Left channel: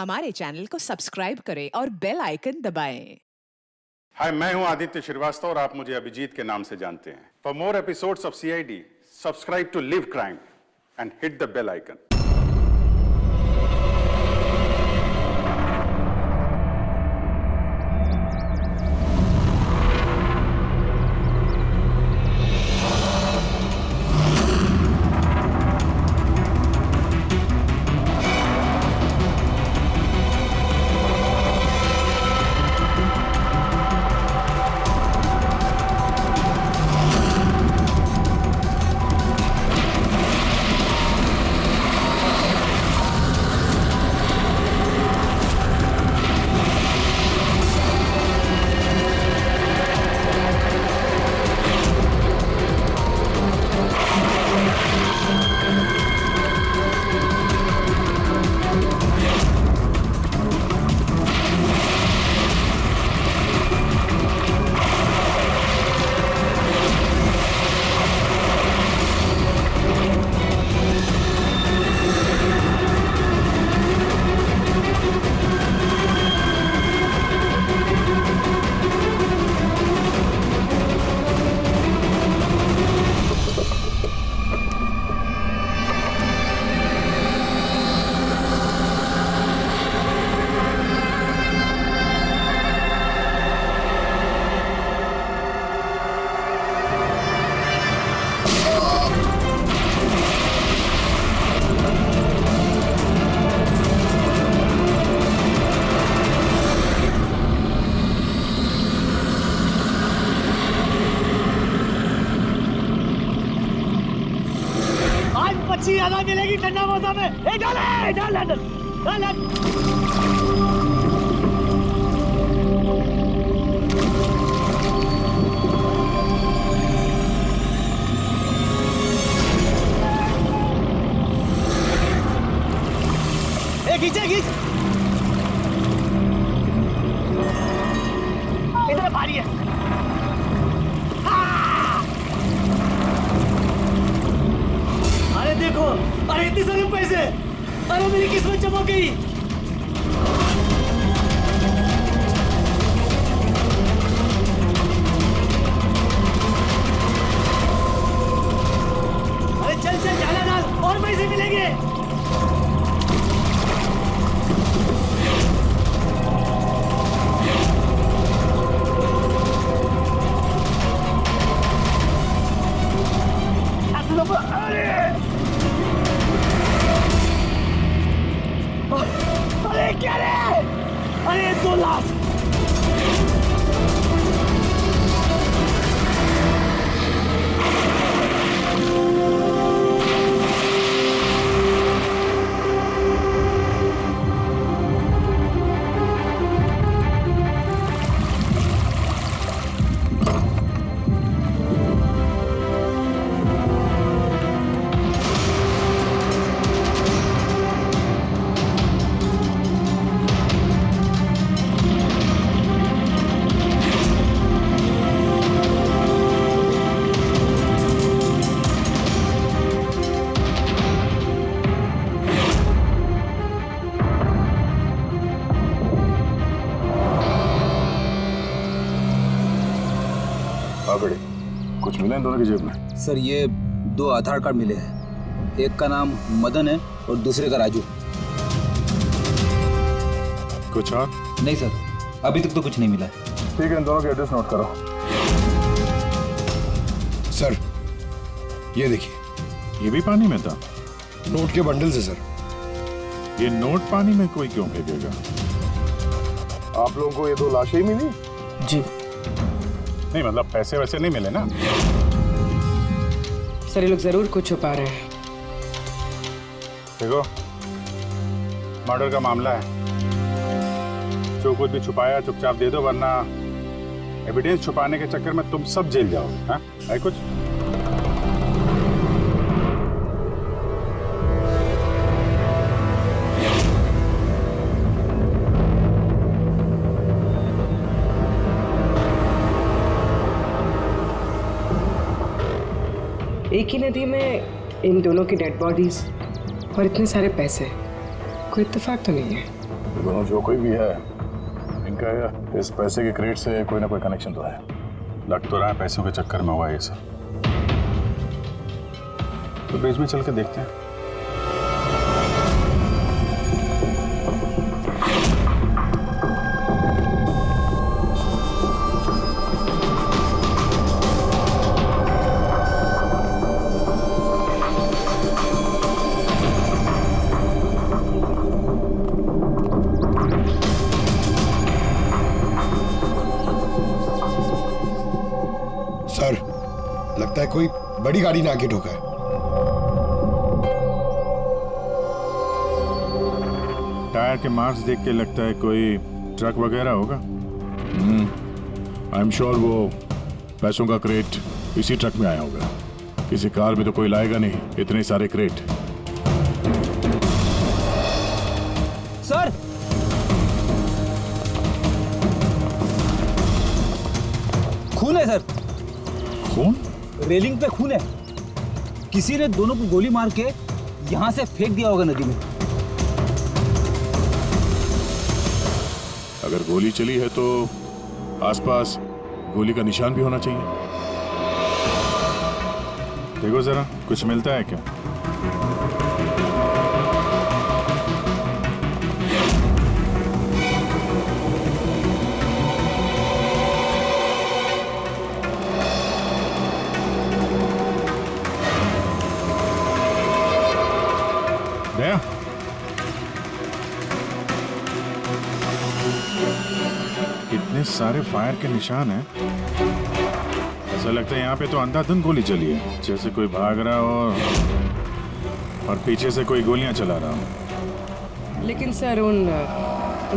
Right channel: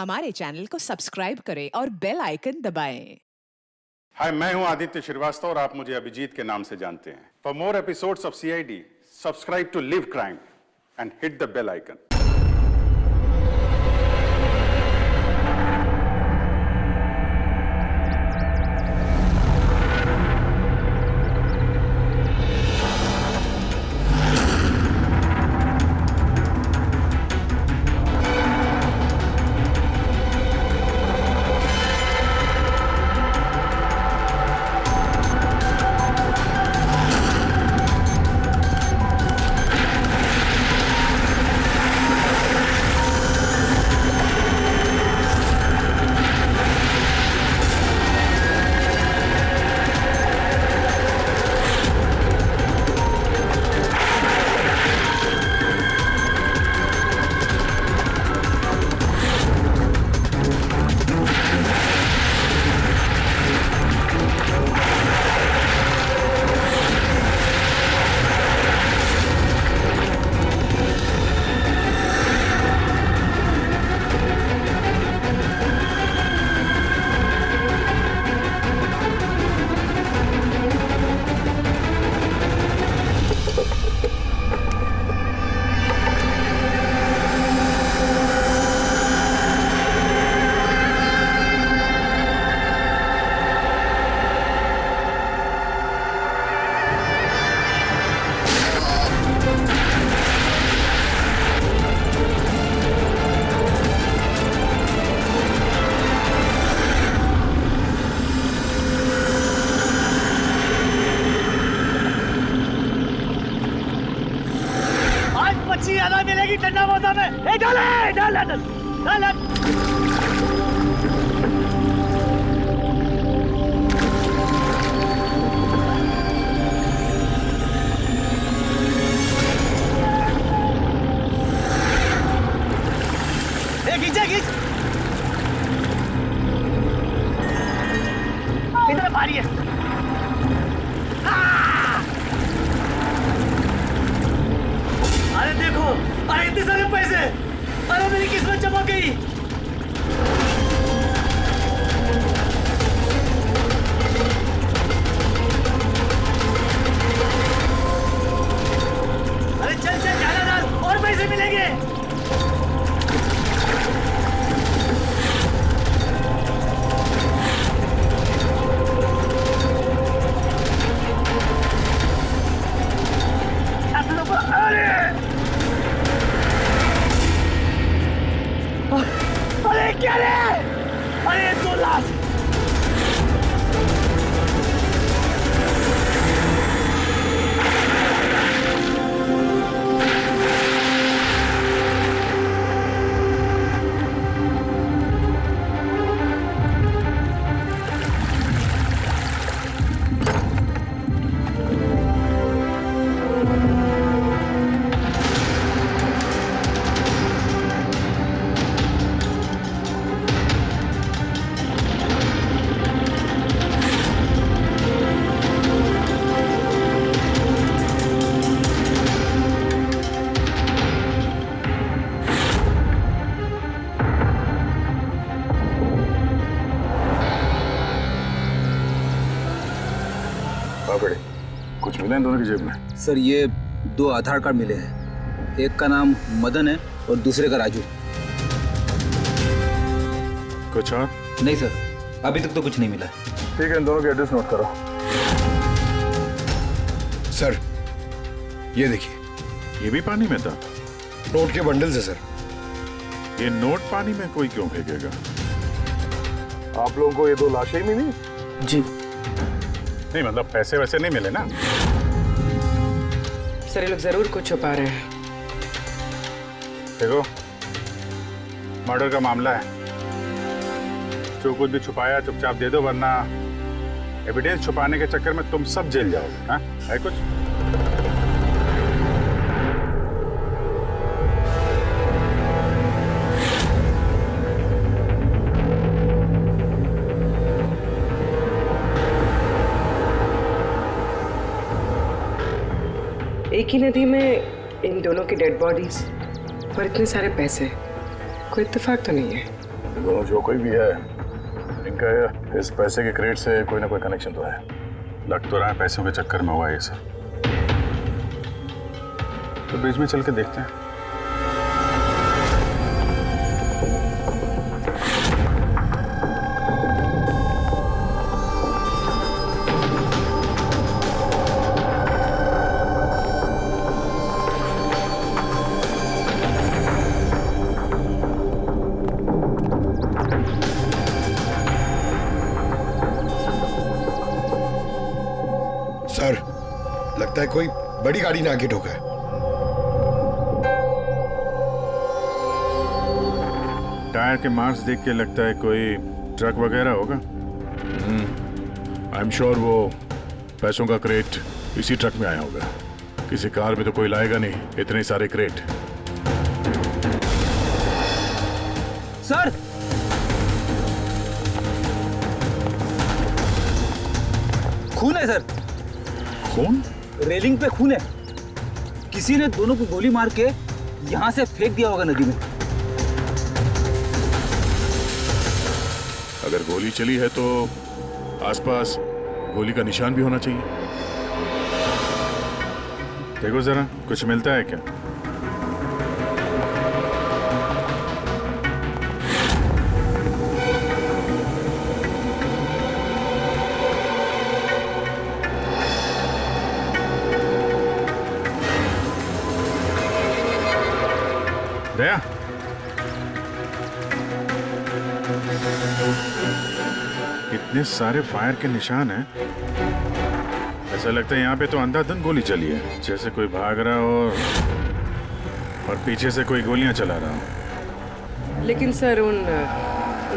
हमारे चैनल को सब्सक्राइब करें और बेल आइकन दबाएं। हाय, मैं हूं आदित्य श्रीवास्तव और आप मुझे अभिजीत के नाम से जानते हैं। For more episodes of CID, subscribe to live crime and hit the bell icon. मच्छी ज्यादा मिलेगी ठंडा मौसम में। डाल डाल डाल डाल डाल। खींचा खींच, इधर भारी है। अरे देखो, अरे इतने सारे पैसे, अरे मेरी किस्मत चमक गई। अरे चल चल डाला डाल, और पैसे मिलेंगे। अरे क्या रे? अरे 2 लाख। कुछ मिला इन दोनों की जेब में? सर ये 2 आधार कार्ड मिले हैं, एक का नाम मदन है और दूसरे का राजू। कुछ और? नहीं सर, अभी तक तो कुछ नहीं मिला। ठीक है, इन दोनों के एड्रेस नोट करो। सर ये देखिए, ये भी पानी में था? नोट के बंडल से सर। ये नोट पानी में कोई क्यों फेंकेगा? आप लोगों को ये 2 लाशें ही मिली? जी नहीं, मतलब पैसे वैसे नहीं मिले ना? सर ये लोग जरूर कुछ छुपा रहे हैं। देखो, मर्डर का मामला है, जो कुछ भी छुपाया चुपचाप दे दो, वरना एविडेंस छुपाने के चक्कर में तुम सब जेल जाओगे। हाँ, है कुछ? एक ही नदी में इन दोनों की डेड बॉडीज और इतने सारे पैसे, कोई इत्तेफाक तो नहीं है। दोनों जो कोई भी है, इनका इस पैसे के क्रेट से कोई ना कोई कनेक्शन तो है। लग तो रहा है पैसों के चक्कर में हुआ है ये सर। तो बीच में चल के देखते हैं। सर, लगता है कोई बड़ी गाड़ी ने आके ठोका है। टायर के मार्क्स देख के लगता है कोई ट्रक वगैरह होगा। आई एम श्योर वो पैसों का क्रेट इसी ट्रक में आया होगा। किसी कार में तो कोई लाएगा नहीं इतने सारे क्रेट। सर, खून है सर। खून? रेलिंग पे खून है। किसी ने दोनों को गोली मार के यहां से फेंक दिया होगा नदी में। अगर गोली चली है तो आसपास गोली का निशान भी होना चाहिए। देखो जरा, कुछ मिलता है क्या? दया, इतने सारे फायर के निशान हैं। ऐसा लगता है यहाँ पे तो अंधाधुंध गोली चली है, जैसे कोई भाग रहा हो और पीछे से कोई गोलियां चला रहा हो। लेकिन सर उन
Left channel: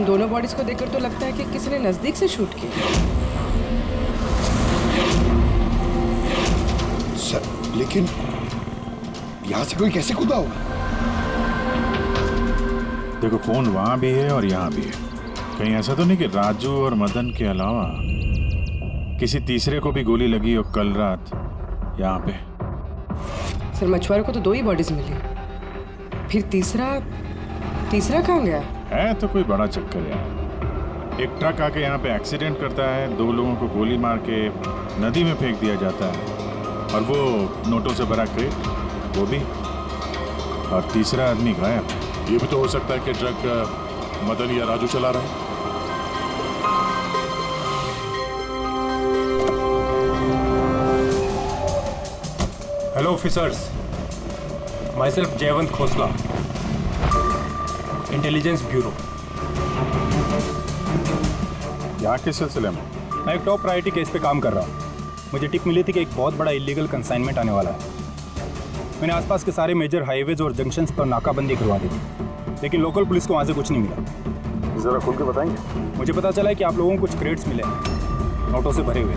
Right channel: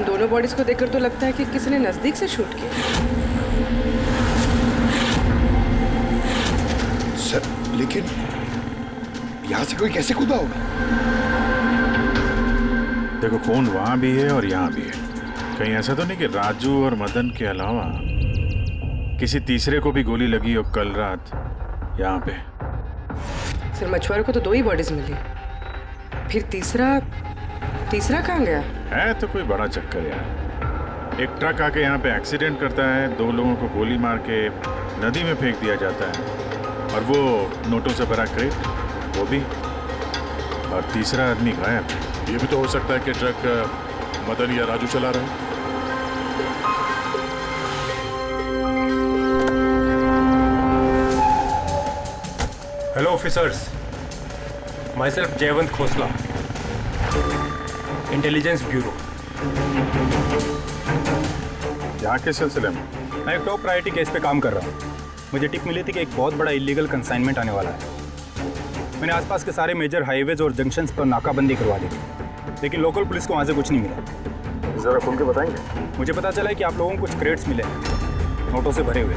दोनों बॉडीज को देखकर तो लगता है कि किसी ने नजदीक से शूट किया। सर, लेकिन यहां से कोई कैसे कूदा होगा? देखो, खून वहां भी है और यहाँ भी है। कहीं ऐसा तो नहीं कि राजू और मदन के अलावा किसी तीसरे को भी गोली लगी हो कल रात यहाँ पे। सर, मछुआरों को तो 2 ही बॉडीज मिली, फिर तीसरा कहाँ गया? है तो कोई बड़ा चक्कर यार। एक ट्रक आके यहाँ पे एक्सीडेंट करता है, 2 लोगों को गोली मार के नदी में फेंक दिया जाता है, और वो नोटों से भरा क्रेट वो भी, और तीसरा आदमी गायब है। ये भी तो हो सकता है कि ट्रक मदन या राजू चला रहा है। Hello officers, my self Jaywant Khosla, intelligence bureau. यहाँ के सिलसिले में? मैं एक टॉप प्रायोरिटी केस पे काम कर रहा हूँ। मुझे टिप मिली थी कि एक बहुत बड़ा इलीगल कंसाइनमेंट आने वाला है। मैंने आसपास के सारे मेजर हाईवेज और जंक्शंस पर नाकाबंदी करवा दी थी, लेकिन लोकल पुलिस को वहाँ से कुछ नहीं मिला। जरा खुल के बताएंगे? मुझे पता चला है कि आप लोगों को कुछ क्रेट्स मिले हैं, नोटों से भरे हुए।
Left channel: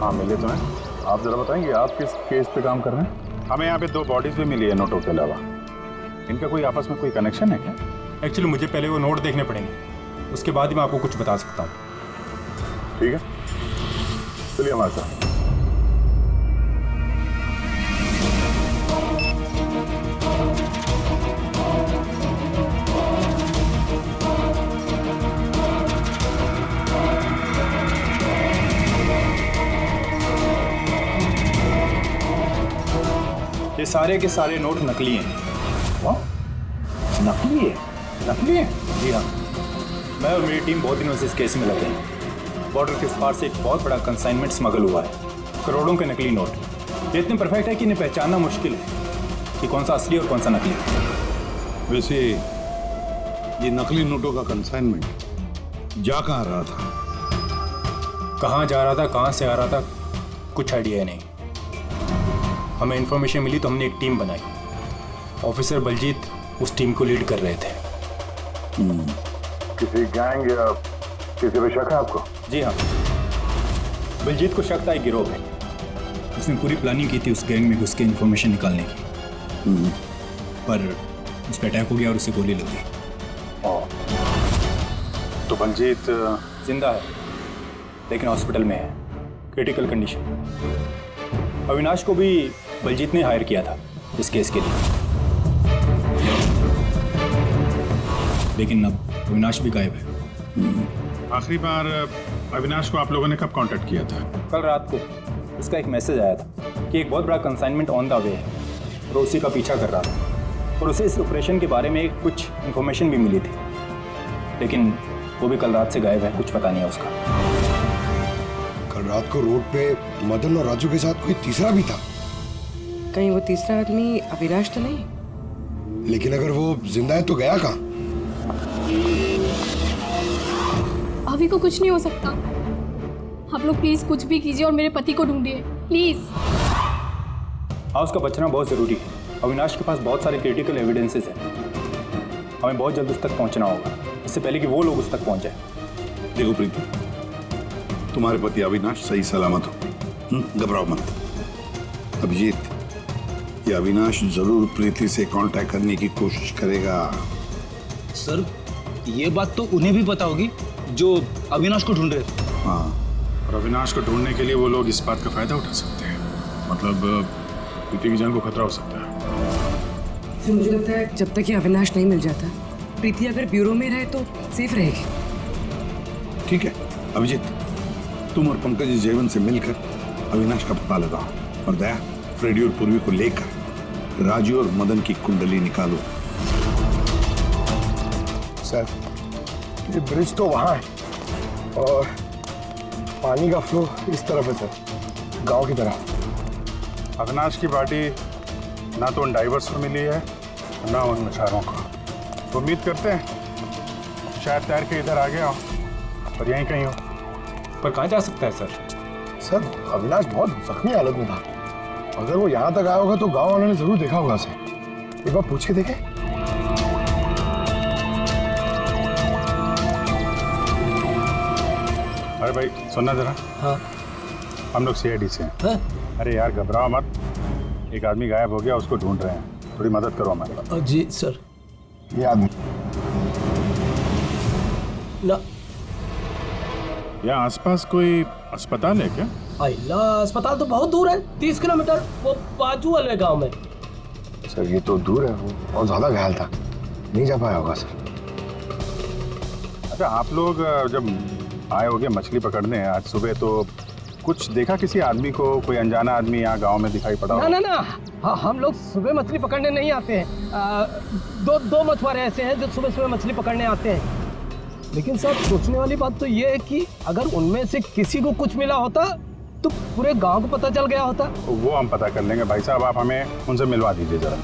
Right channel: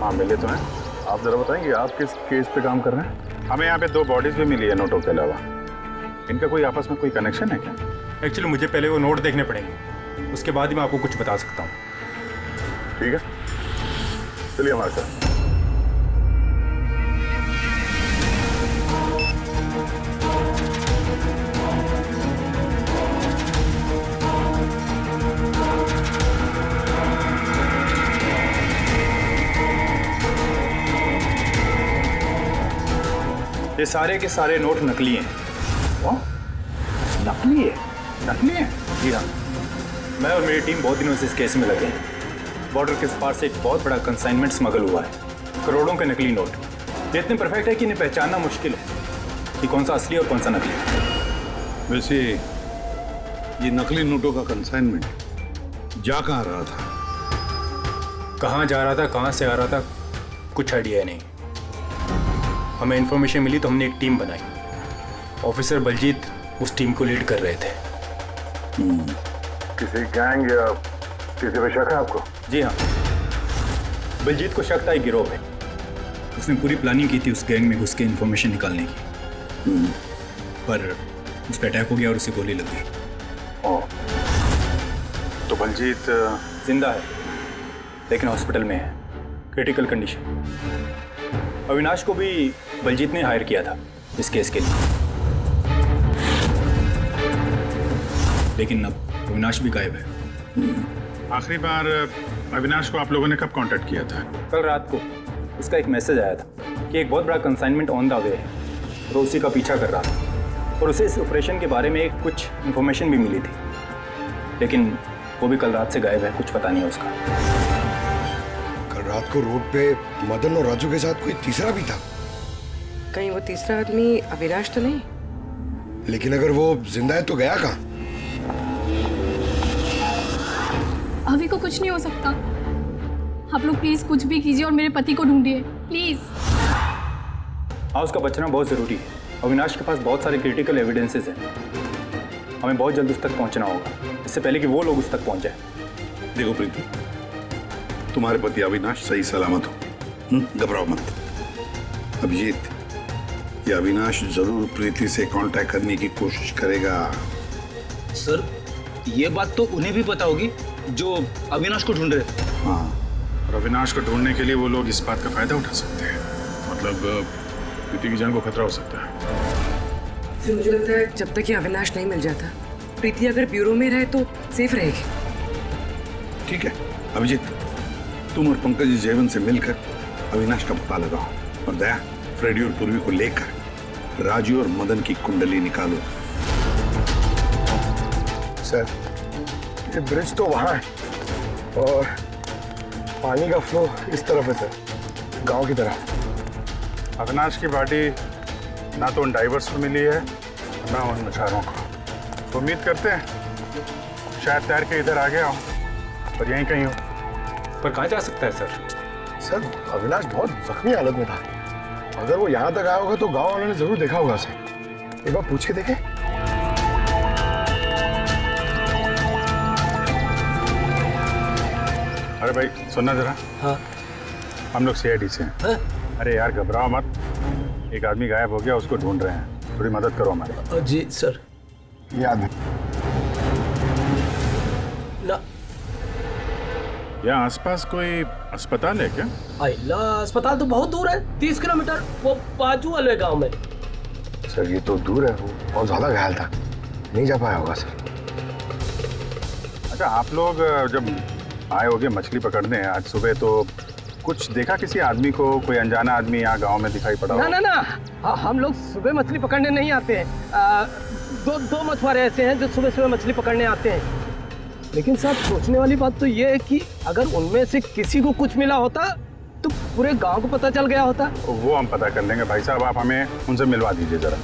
हाँ, मिले तो हैं। आप जरा बताएंगे आप किस केस पे काम कर रहे हैं? हमें यहाँ पे 2 बॉडीज भी मिली है नोटों के अलावा। इनका कोई आपस में कोई कनेक्शन है क्या? एक्चुअली मुझे पहले वो नोट देखने पड़ेंगे, उसके बाद ही मैं आपको कुछ बता सकता हूँ। ठीक है, चलिए हमारे साथ। ये सारे के सारे नोट नकली हैं। नकली है? नकली है? जी हाँ, मैं और मेरी टीम बहुत दिनों से इस केस में लगे हैं। बॉर्डर के पार से एक बहुत बड़ा कंसाइनमेंट स्मगल हुआ है, करोड़ों के नकली नोट। ये इतने परफेक्ट है कि इन्हें पहचानना मुश्किल है कि कौन सा असली और कौन सा नकली है। वैसे ये नकली नोटों का कंसाइनमेंट जा कहाँ रहा था? कहाँ जा रहा था, कहाँ से आ रहा था, कुछ आइडिया नहीं। हमें इन्फॉर्मेशन मिली तो हमने एक टीम बनाई। ऑफिसर बलजीत उस टीम को लीड कर रहे थे। किसी गैंग या किसी पे शक है आपको? जी हाँ, बलजीत को शक था एक गिरोह पे। उसने पूरी प्लानिंग की थी उस गैंग में घुस के इन्फॉर्मेशन निकालने की, पर उस पर अटैक हो गया और उसे गोली लग गई। तो बलजीत जिंदा है, लेकिन हॉस्पिटल में है, क्रिटिकल कंडीशन। अविनाश को भी बलजीत ने हायर किया था इस केस के लिए। लेकिन अब अविनाश भी गायब है। आखिरी बार अविनाश को आप लोगों ने कब कांटेक्ट किया था? कल रात को उसका एक मैसेज आया था कि एक बहुत बड़ा कंसाइनमेंट ऑन द वे है और उसी का पीछा कर रहा था, और उसे इस ऑपरेशन के बारे में कुछ इन्फॉर्मेशन भी मिली थी, लेकिन वो भी कल रात से गायब है, कुछ पता नहीं है उसका। कल रात को रोड पे मदन और राजू के साथ कोई तीसरा भी था। कहीं वो तीसरा आदमी अविनाश तो नहीं? लेकिन अगर वो जिंदा है तो गया कहाँ? अभी को कुछ नहीं हो सकता। आप लोग प्लीज कुछ भी कीजिए और मेरे पति को ढूंढिए प्लीज। हाँ, उसका बचना बहुत ज़रूरी है। अविनाश के पास बहुत सारे क्रिटिकल एविडेंसेस हैं, हमें बहुत जल्द उस तक पहुंचना होगा, इससे पहले कि वो लोग उस तक पहुंचे। देखो प्रीति, तुम्हारे पति अविनाश सही सलामत हो, घबराओ मत। अभिजीत, ये अविनाश जरूर प्रीति से कांटेक्ट करने की कोशिश करेगा। सर, ये बात तो उन्हें भी पता होगी जो अविनाश को ढूंढ रहे। हाँ, और अविनाश को ढूंढने के लिए वो लोग इस बात का फायदा उठा सकते हैं। मतलब प्रीति की जान को खतरा हो सकता है। तो मुझे लगता है जब तक ये अविनाश नहीं मिल जाता, प्रीति अगर ब्यूरो में रहे तो सेफ रहेगी। ठीक है अभिजीत, तुम और पंकज जयवंत से मिलकर अविनाश का पता लगाओ, और दया फ्रेडी और पूर्वी को लेकर राजू और मदन की कुंडली निकालो। सर, ये ब्रिज तो वहाँ है और पानी का फ्लो इस तरफ है सर, गांव की तरफ। अविनाश की बॉडी ना तो उन डाइवर्स को मिली है ना उन मछुआरों को। तो उम्मीद करते हैं शायद तैर के इधर आ गया हो और यहीं कहीं हो। पर कहाँ जा सकता है सर? सर, अविनाश बहुत जख्मी हालत में था। अगर वो यहाँ तक आया होगा तो गांव वालों ने जरूर देखा होगा उसे। एक बार पूछ के देखे। अरे भाई सुनना जरा। हाँ। हम लोग CID से हैं। हाँ? अरे यार घबराओ मत, एक आदमी गायब हो गया, उसको ढूंढ रहे हैं, थोड़ी मदद करो हमारी। जी सर। ये आदमी ना, यहाँ आसपास कोई अस्पताल है क्या? अल्लाह, अस्पताल तो बहुत दूर है, 30 किलोमीटर, वो बाजू वाले गांव में। सर, ये तो दूर है, वो बहुत ज्यादा घायल था, नहीं जा पाया होगा सर। अच्छा, आप लोग जब आए होगे मछली पकड़ने आज सुबह, तो कुछ देखा किसी आदमी को? कोई अनजाना आदमी यहाँ गांव में दिखाई पड़ा? ना ना ना, हम लोग सुबह मछली पकड़ने नहीं आते हैं। दो मछुआरे ऐसे हैं जो सुबह सुबह मछली पकड़ने आते हैं। लेकिन साहब, सोचने वाली बात तो ये है कि अगर उनमें से किसी को कुछ मिला होता तो पूरे गांव को पता चल गया होता। वो हम पता कर लेंगे भाई साहब, आप हमें उनसे मिलवा दीजिए जरा।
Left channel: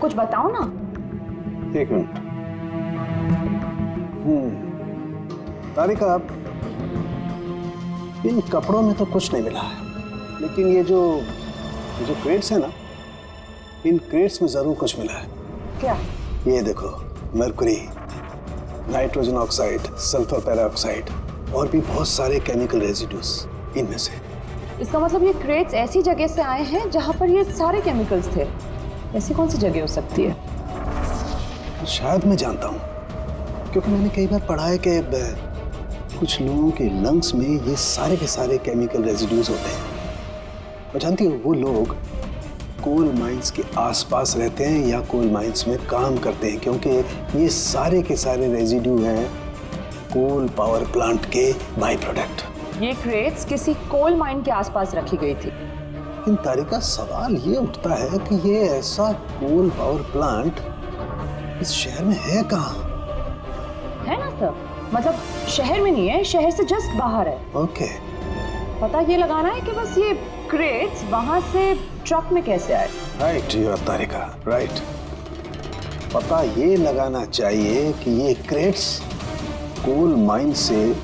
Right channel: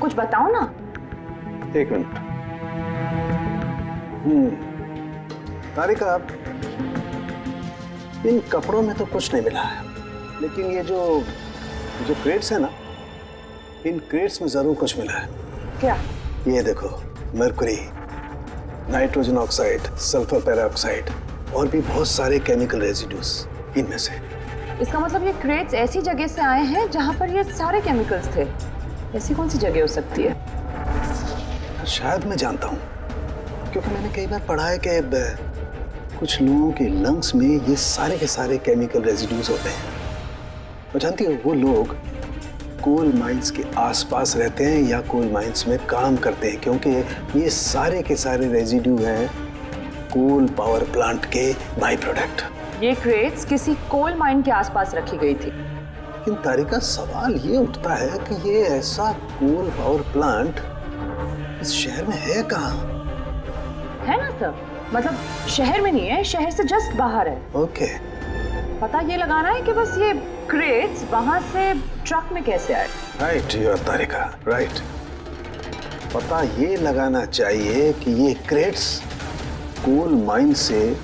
कुछ बताओ ना। एक मिनट। तारिका, इन कपड़ों में तो कुछ नहीं मिला है, लेकिन ये जो क्रेट्स है ना, इन क्रेट्स में जरूर कुछ मिला है। क्या? ये देखो, mercury, nitrogen oxide, sulphur peroxide और भी बहुत सारे केमिकल रेजिड्यूज इनमें से। इसका मतलब ये क्रेट्स ऐसी जगह से आए हैं जहां पर ये सारे केमिकल्स थे। ऐसी कौन सी जगह हो सकती है? शायद मैं जानता हूँ, क्योंकि मैंने कई बार पढ़ा है कि कुछ लोगों के लंग्स में ये सारे के सारे केमिकल रेजिड्यूज होते हैं। और जानती हो, वो लोग कोल माइंस के आसपास रहते हैं या कोल माइंस में काम करते हैं, क्योंकि ये सारे के सारे रेजिड्यू हैं कोल पावर प्लांट के बाई प्रोडक्ट। ये क्रेट्स किसी कोल माइन के आसपास रखी गई थी। लेकिन तारिका, सवाल ये उठता है कि ये ऐसा कोल पावर प्लांट इस शहर में है कहाँ? है ना सर, मतलब शहर में नहीं है, शहर से जस्ट बाहर है। ओके। पता ये लगाना है कि बस ये क्रेट्स वहां से ट्रक में कैसे आए। Right your Tarika, right. पता ये लगाना चाहिए कि ये क्रेट्स कोल माइन से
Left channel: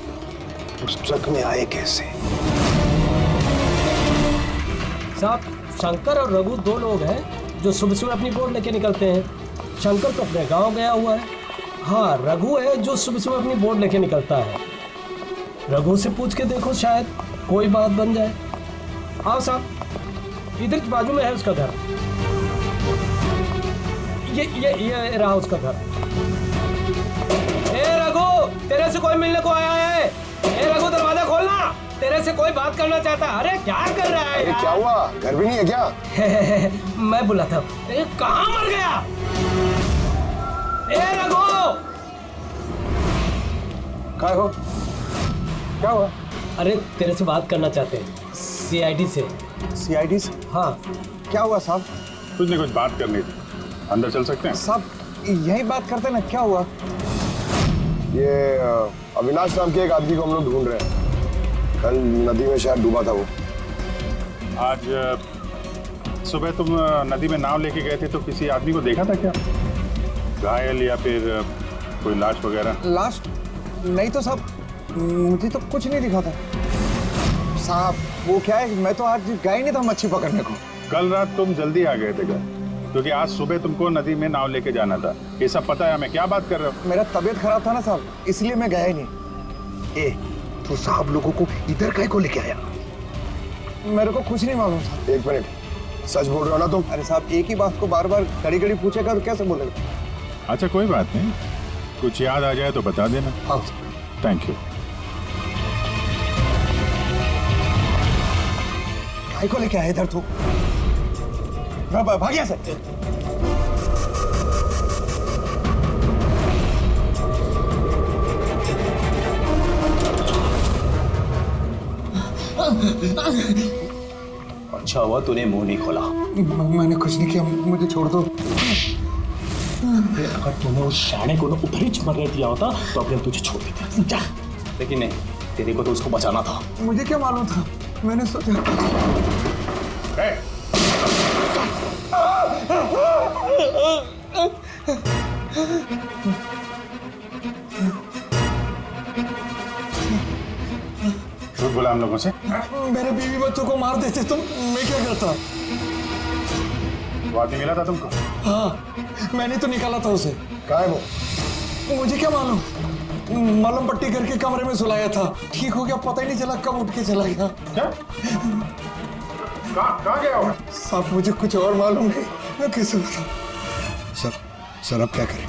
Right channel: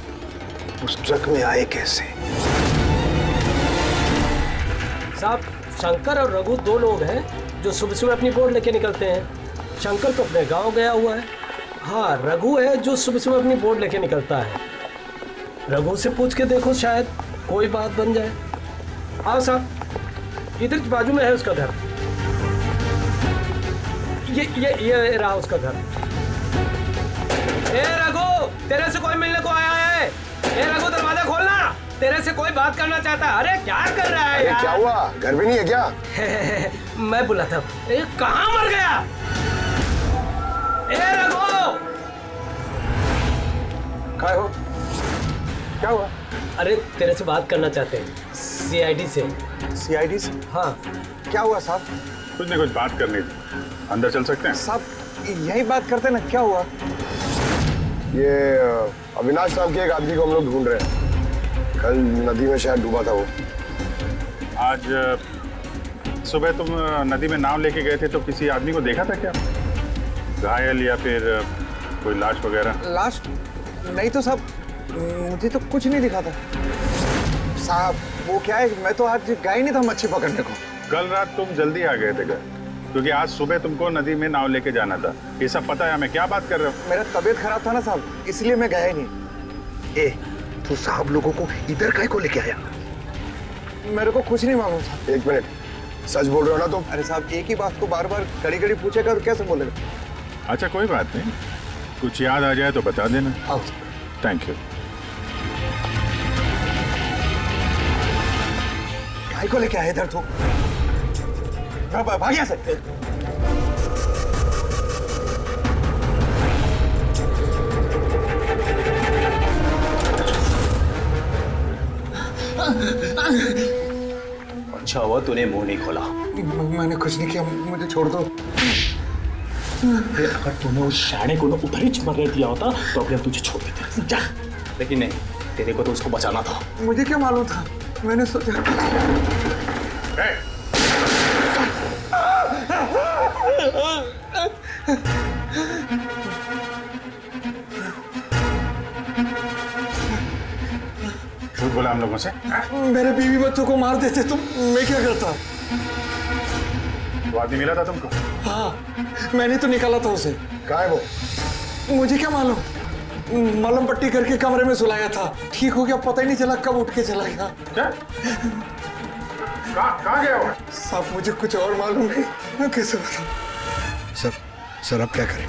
उस ट्रक में आए कैसे। साहब, शंकर और रघु दो लोग हैं जो सुबह सुबह अपनी बोट लेके निकलते हैं। शंकर तो अपने गांव गया हुआ है। हाँ, रघु है जो सुबह सुबह अपनी बोट लेके निकलता है। रघु से पूछ के देखो, शायद कोई बात बन जाए। आओ साहब, इधर बाजू में है उसका घर। ये रहा उसका घर। ए रघु, तेरे से कोई मिलने को आया है। ए रघु, दरवाजा खोलना, तेरे से कोई बात करना चाहता है। अरे क्या कर रहा है यार? क्या हुआ, घर भी नहीं है क्या? मैं बुलाता हूँ। कहाँ मर गया? ए रघु, क्या हो, क्या हुआ? अरे तेरे से बात करना चाहते हैं, सीआईडी से। सीआईडी से? हाँ। क्या हुआ साहब? कुछ नहीं, कुछ बात करनी थी। अंदर चल सकते हैं? साहब यही बात करते ना, क्या हुआ? ये अविनाश नाम के एक आदमी को हम लोग ढूंढ रहे हैं। कल नदी में शायद डूबा था वो। आज सुबह तुम नदी में नाव लेके गए थे तो किसी आदमी को देखा था क्या? घायल या फिर कोई लाश वगैरह? लाश नहीं तो साहब, मुझे तो कुछ नहीं दिखा था साहब। वो क्या है, मैं तो आज गया ही नहीं था मच्छी पकड़ने को। कल रात तुम जल्दी आ गए थे घर, क्योंकि आज सुबह तुमको नदी में नाव लेके जाना था। ये सब पता है हमें, क्या बात कर रहे हो? मेरा तबीयत खराब था ना साहब, इसलिए मैं गया ही नहीं। तू साहब लोगों को इधर काहे को लेके आया? मेरे को कुछ नहीं मालूम साहब। एक मिनट, सच बोल रहे हो ना तुम? अरे साहब, एक ही बात को बार बार घड़ी घड़ी पूछेगा तो कैसे बोलेगा? अच्छा कोई बात नहीं, कुछ याद आ जाए तो बता देना। हाँ। Thank you. काहे को लेके आया इधर तू? भाग यहाँ से। अच्छा हुआ तूने मुंह नहीं खोला। मैंने कुछ नहीं किया, मुझे छोड़ दो। अगर तूने उस शाणे को उधर ही मरने दिया होता तो अभी हम तुझे छोड़ देते, समझा? लेकिन नहीं, तेरे को तो उसको बचाना था। मुझे क्या मालूम था, मैंने सोचा। झूठ बोला हम लोगों से? मेरे बीवी बच्चों को मार देते तुम, मैं क्या करता? वो आदमी मिला था तुमको? हाँ, मैंने तो निकाला था उसे। कहाँ है वो? मुझे क्या मालूम, मलम पट्टी करके कमरे में सुलाया था, ठीक हो गया, पता ही नहीं चला कब उठ के चला गया। क्या? कहाँ गया वो? साहब मुझे कुछ और मालूम नहीं, मैं कैसे बताऊं? सर अब क्या करें?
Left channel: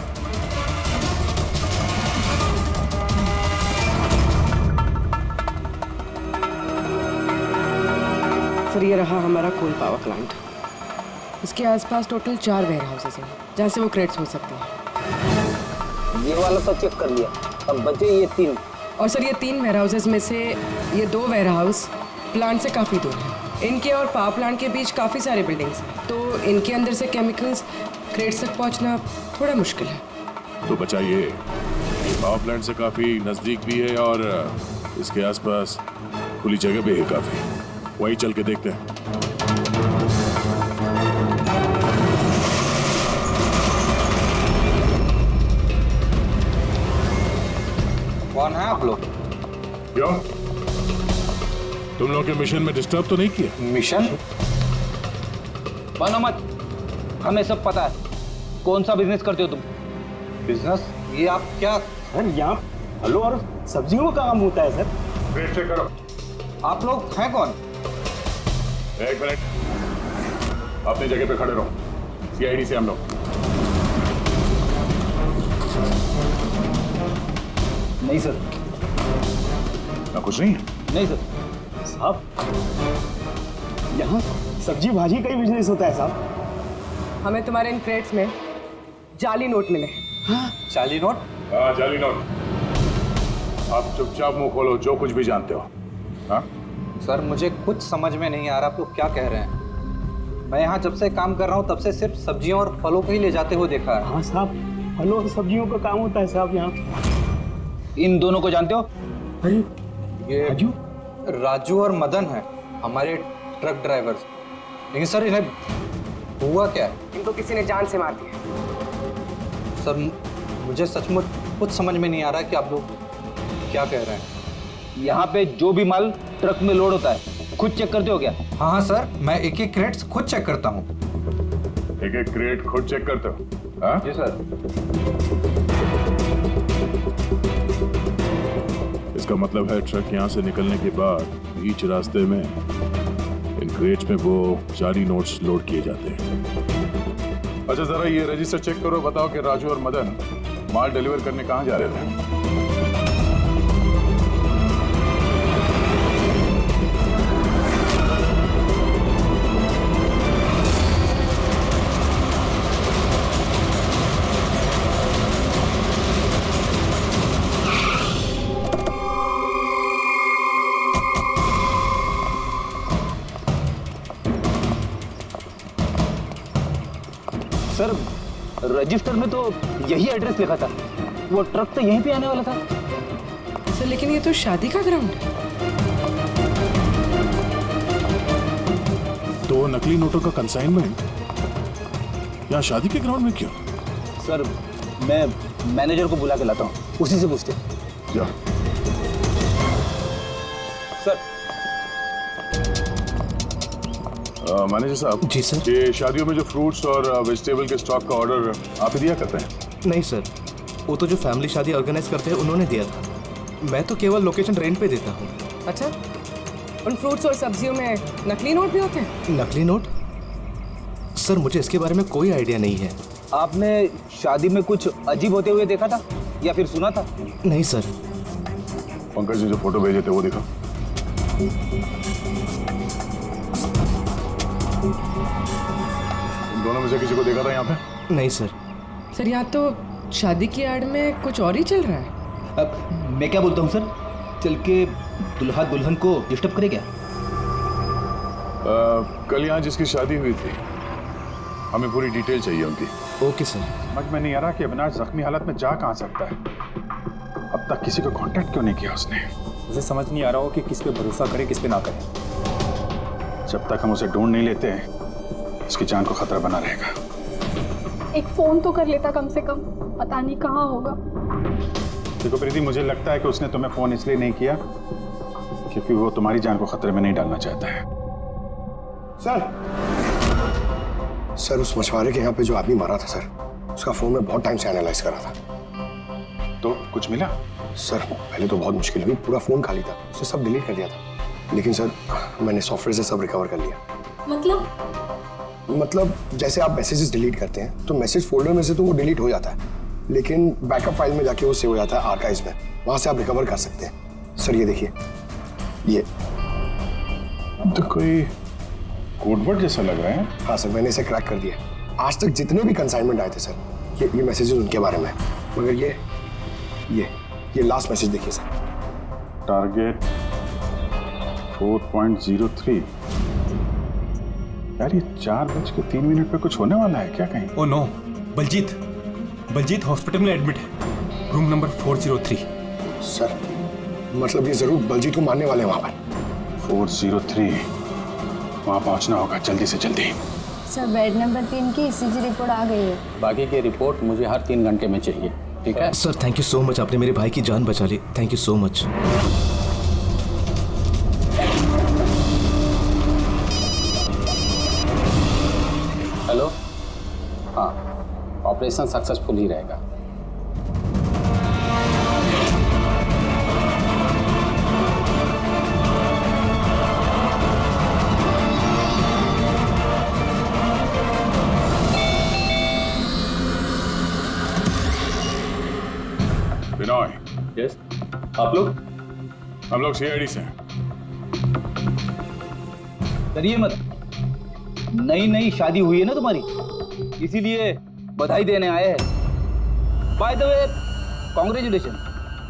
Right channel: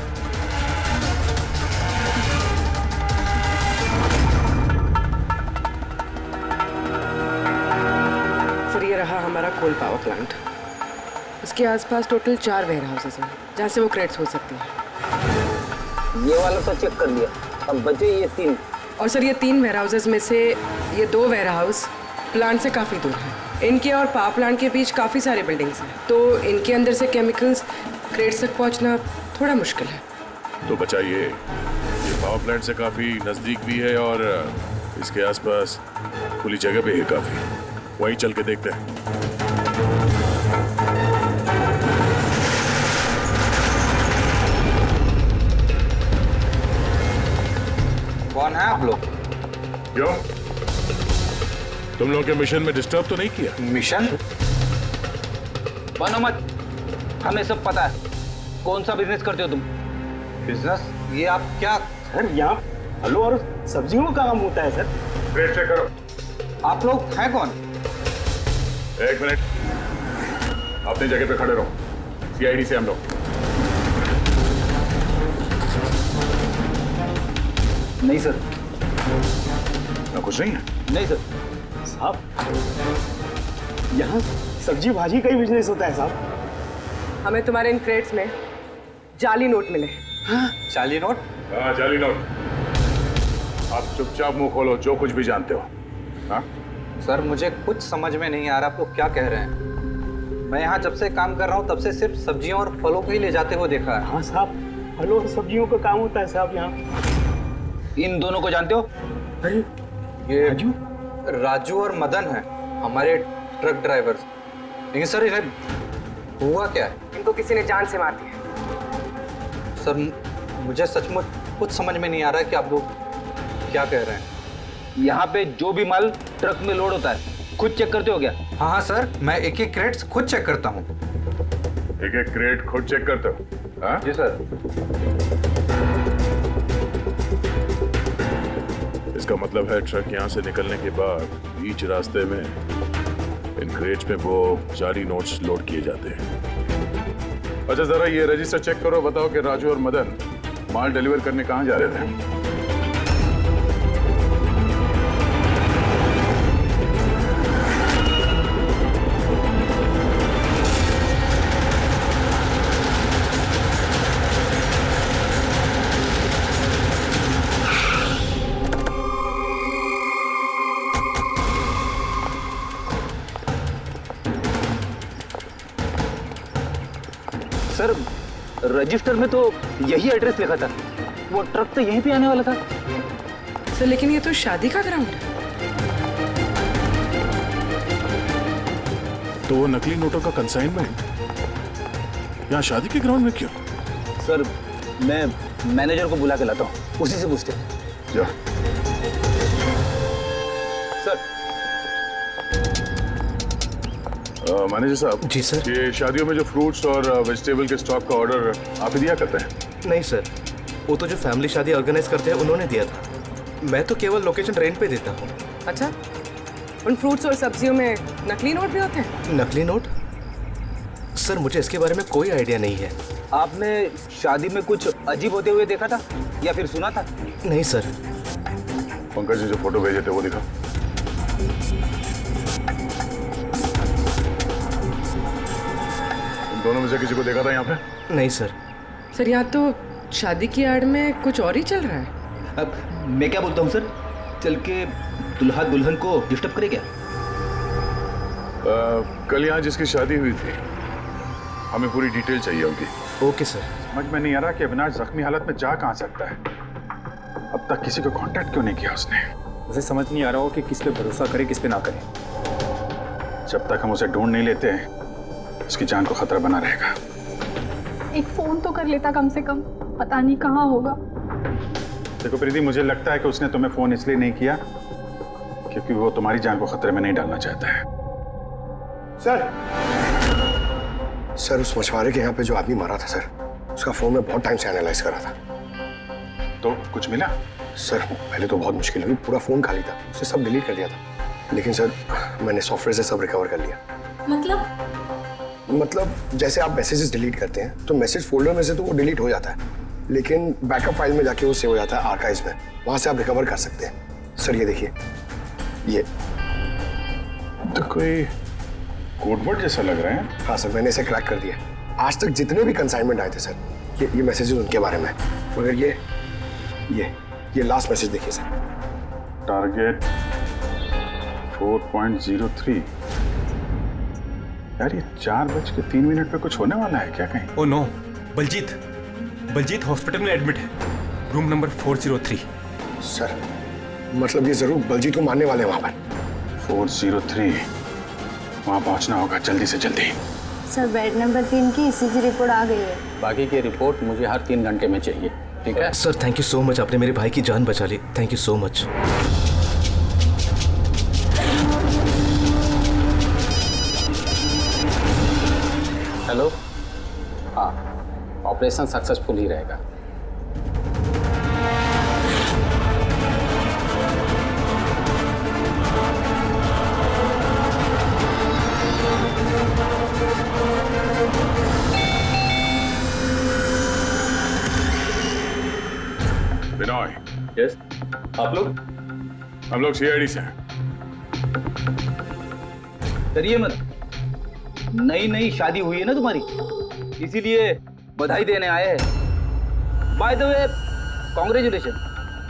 सर ये रहा हमारा कोल पावर प्लांट। इसके आसपास टोटल 4 वेयर हाउसेस हैं जहाँ से वो क्रेट्स हो सकते हैं। ये वाला तो चेक कर लिया, अब बचे ये 3। और सर ये 3 वेयर हाउसेस में से ये 2 वेयर हाउस प्लांट से काफ़ी दूर हैं। इनके और पावर प्लांट के बीच काफ़ी सारे बिल्डिंग्स हैं, तो इनके अंदर से केमिकल्स क्रेट्स तक पहुँचना थोड़ा मुश्किल है। तो बचाइए, ये पावर प्लांट से काफी नजदीक भी है और इसके आसपास खुली जगह भी है काफी, वही चल के देखते हैं। कौन है आप लोग? क्यों, तुम लोग के मिशन में डिस्टर्ब तो नहीं किया? मिशन? बनो मत, हमें सब पता है। कौन सा बिजनेस करते हो तुम? बिजनेस? ये आप क्या? सर यहाँ फलों और सब्जियों का काम होता है सर। क्रेट चेक करो। आप लोग हैं कौन? एक मिनट, अपनी जगह पे खड़े रहो। सीआईडी से हम लोग। नहीं सर। ना कुछ नहीं है? नहीं सर। साहब यहाँ सब्जी भाजी का ही बिजनेस होता है साहब। हमें तुम्हारे इन क्रेट्स में जाली नोट मिले। हाँ? जाली नोट? हाँ जाली नोट। आप चुपचाप मुंह खोलो, जो कुछ भी जानते हो। हाँ सर मुझे कुछ समझ में नहीं आ रहा आप लोग क्या कह रहे हैं। मैं यहाँ जब से काम कर रहा हूँ तब से सिर्फ सब्जियों और फलों को ही ले जाते हुए देखा है। हाँ साहब, फलों और सब्जियों का काम होता है साहब यहाँ। इन दोनों को जानते हो? अरे ये राजू और मदन है, हमारे ट्रक ड्राइवर्स। लेकिन सर इन्हें हुआ क्या है? इनको किसी ने जान से मार दिया। सर मुझे सचमुच कुछ समझ में नहीं आ रहा है कि आप लोग क्या कह रहे हैं। यहाँ पे जो भी माल ट्रक में लोड होता है खुद चेक करते हो क्या? हाँ हाँ सर, मैं एक एक क्रेट्स खुद चेक करता हूँ। एक एक क्रेट खुद चेक करते हो? हाँ जी सर। इसका मतलब है ट्रक यहाँ से निकलने के बाद बीच रास्ते में इन क्रेट्स में वो जाली नोट्स लोड किए जाते हैं। अच्छा जरा ये रजिस्टर चेक करो, बताओ कि राजू और मदन माल डिलीवर करने कहाँ जा रहे थे? सर रजिस्टर में तो यही एड्रेस लिखा था, वो ट्रक तो यहीं पे आने वाला था। सर लेकिन ये तो शादी का ग्राउंड है। तो नकली नोटों का कंसाइनमेंट यहाँ शादी के ग्राउंड में क्यों? सर मैं मैनेजर को बुला के लाता हूँ, उसी से पूछते। जा। सर मैनेजर साहब। जी सर। ये शादियों में जो फ्रूट्स और वेजिटेबल के स्टॉक का ऑर्डर आप ही दिया करते हैं? नहीं सर, वो तो जो फैमिली शादी ऑर्गेनाइज करते हैं उन्होंने दिया था। मैं तो केवल लोकेशन रेंट पे देता हूँ। अच्छा, उन फ्रूट्स और सब्जियों में नकली नोट भी होते हैं? नकली नोट? सर मुझे इसके बारे में कोई आइडिया नहीं है। आपने शादी में कुछ अजीब होते हुए देखा था या फिर सुना था? नहीं सर। पंकज ने जो फोटो भेजे थे वो दिखा। दोनों में से किसी को देखा था यहाँ पे? नहीं सर। सर यहाँ तो शादी की आड़ में कुछ और ही चल रहा है। अब मैं क्या बोलता हूँ सर, चल के दुल्हा दुल्हन को डिस्टर्ब करे क्या? कल यहाँ जिसकी शादी हुई थी, हमें पूरी डिटेल चाहिए उनकी। Okay sir. समझ में नहीं आ रहा कि अविनाश जख्मी हालत में जा कहाँ सकता है। अब तक किसी को कांटेक्ट क्यों नहीं किया उसने? मुझे समझ नहीं आ रहा हो कि किस पे भरोसा करे किस पे ना करे। जब तक हम उसे ढूंढ नहीं लेते उसकी जान को खतरा बना रहेगा। एक फोन तो कर लेता कम से कम, पता नहीं कहाँ होगा। देखो प्रीति, मुझे लगता है कि उसने तुम्हें फोन इसलिए नहीं किया क्योंकि वो तुम्हारी जान को खतरे में नहीं डालना चाहता है। सर उस मछुआरे के यहाँ पे जो आदमी मारा था सर, उसका फोन में बहुत टाइम से एनालाइज करा था। तो कुछ मिला? सर पहले तो बहुत मुश्किल हुई, पूरा फोन खाली था, उसने सब डिलीट कर दिया था। लेकिन सर मैंने सॉफ्टवेयर से सब रिकवर कर लिया। मतलब जैसे आप मैसेजेस डिलीट करते हैं तो मैसेज फोल्डर में से तो वो डिलीट हो जाता है, लेकिन बैकअप फाइल में जाके वो सेव हो जाता है आर्काइव्स में, वहां से आप रिकवर कर सकते हैं। सर ये देखिए, ये तो कोई कोडवर्ड जैसा लग रहा है। हाँ सर, मैंने इसे क्रैक कर दिया। आज तक जितने भी कंसाइनमेंट आए थे सर, ये मैसेजेस उनके बारे में है। मगर ये लास्ट मैसेज देखिए सर। टारगेट 4.03। यार ये 4:03 पे कुछ होने वाला है क्या कहीं? ओ नो, बलजीत हॉस्पिटल में एडमिट है, रूम नंबर 403। सर मतलब ये जरूर बलजीत को मारने वाले हैं वहां पर। 403, वहां पहुंचना होगा जल्दी से जल्दी। सर बेड नंबर 3 की ईसीजी रिपोर्ट आ गई है। बाकी की रिपोर्ट मुझे हर 3 घंटे में चाहिए, ठीक है? Sir thank you so much, आपने मेरे भाई की जान बचा ली। Thank you so much. Hello, हाँ ऑपरेशन सक्सेसफुल ही रहेगा। बिनॉय। यस, आप लोग? हम लोग सीआईडी से हैं। डरिए मत, नई शादी हुई है ना तुम्हारी, इसीलिए बधाई देने आए हैं। By the way congratulation.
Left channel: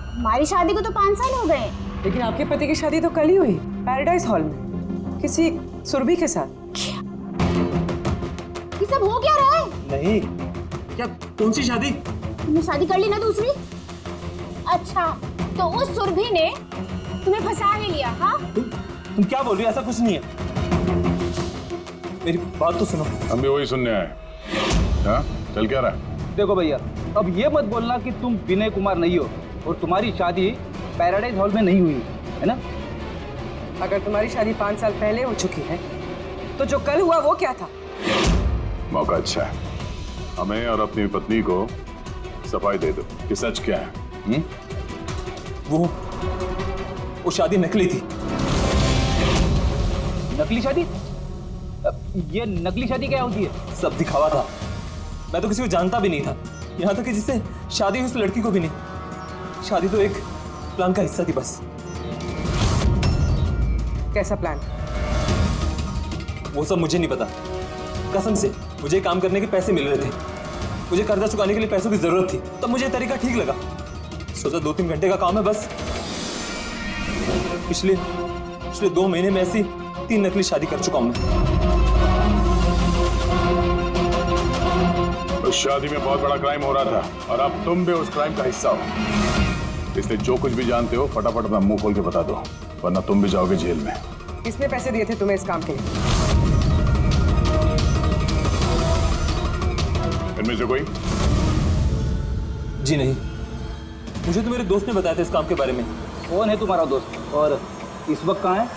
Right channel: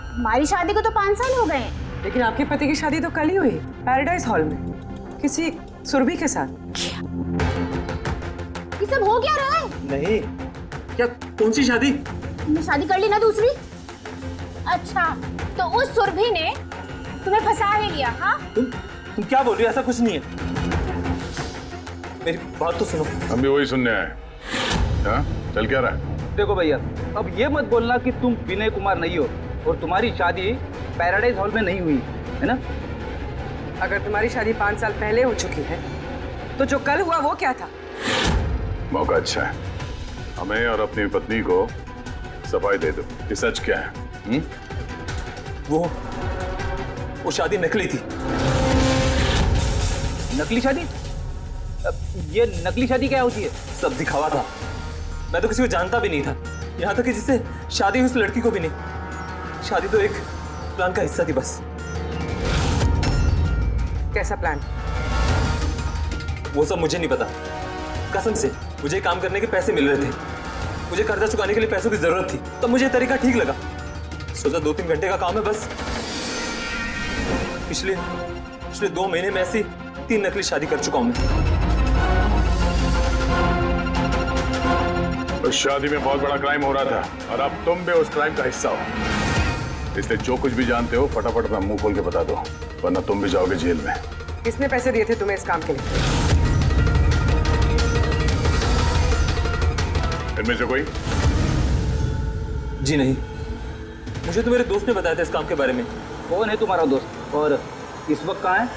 हमारी शादी को तो 5 साल हो गए, लेकिन आपके पति की शादी तो कल ही हुई, पैराडाइज हॉल में किसी सुरभि के साथ। ये सब हो क्या रहा है? नहीं, क्या कौन सी शादी? तुमने शादी कर ली ना दूसरी? अच्छा, तो उस सुरभि ने तुम्हें फंसा ही लिया? हाँ, तुम क्या बोल रही हो? ऐसा कुछ नहीं है, मेरी बात तो सुनो। हम भी वही सुनने आए। हाँ, चल क्या रहा है? देखो भैया, अब ये मत बोलना कि तुम विनय कुमार नहीं हो और तुम्हारी शादी पैराडाइज हॉल में नहीं हुई है ना? अगर तुम्हारी शादी 5 साल पहले हो चुकी है तो जो कल हुआ वो क्या था? मौका अच्छा है, हमें और अपनी पत्नी को सफाई दे दो कि सच क्या है। वो शादी नकली थी। नकली शादी? ये नकली शादी क्या होती है? सब दिखावा था। मैं तो किसी को जानता भी नहीं था, यहाँ तक कि जिससे शादी हुई उस लड़की को भी नहीं। शादी तो एक प्लान का हिस्सा थी बस। कैसा प्लान? वो सब मुझे नहीं पता, कसम से। मुझे काम करने के पैसे मिल रहे थे, मुझे कर्जा चुकाने के लिए पैसों की जरूरत थी, तब मुझे तरीका ठीक लगा। सोचा 2-3 घंटे का काम है बस। पिछले 2 महीने में ऐसी 3 नकली शादी कर चुका हूं मैं। उस शादी में बहुत बड़ा क्राइम हो रहा था और अब तुम भी उस क्राइम का हिस्सा हो। इसलिए जो कुछ भी जानते हो फटाफट अपना मुंह खोल के बता दो, वरना तुम भी जाओगे जेल में। किसने पैसे दिए थे तुम्हें इस काम के लिए? इनमें से कोई? जी नहीं, मुझे तो मेरे दोस्त ने बताया था इस काम के बारे में। कौन है तुम्हारा दोस्त और इस वक्त कहाँ है?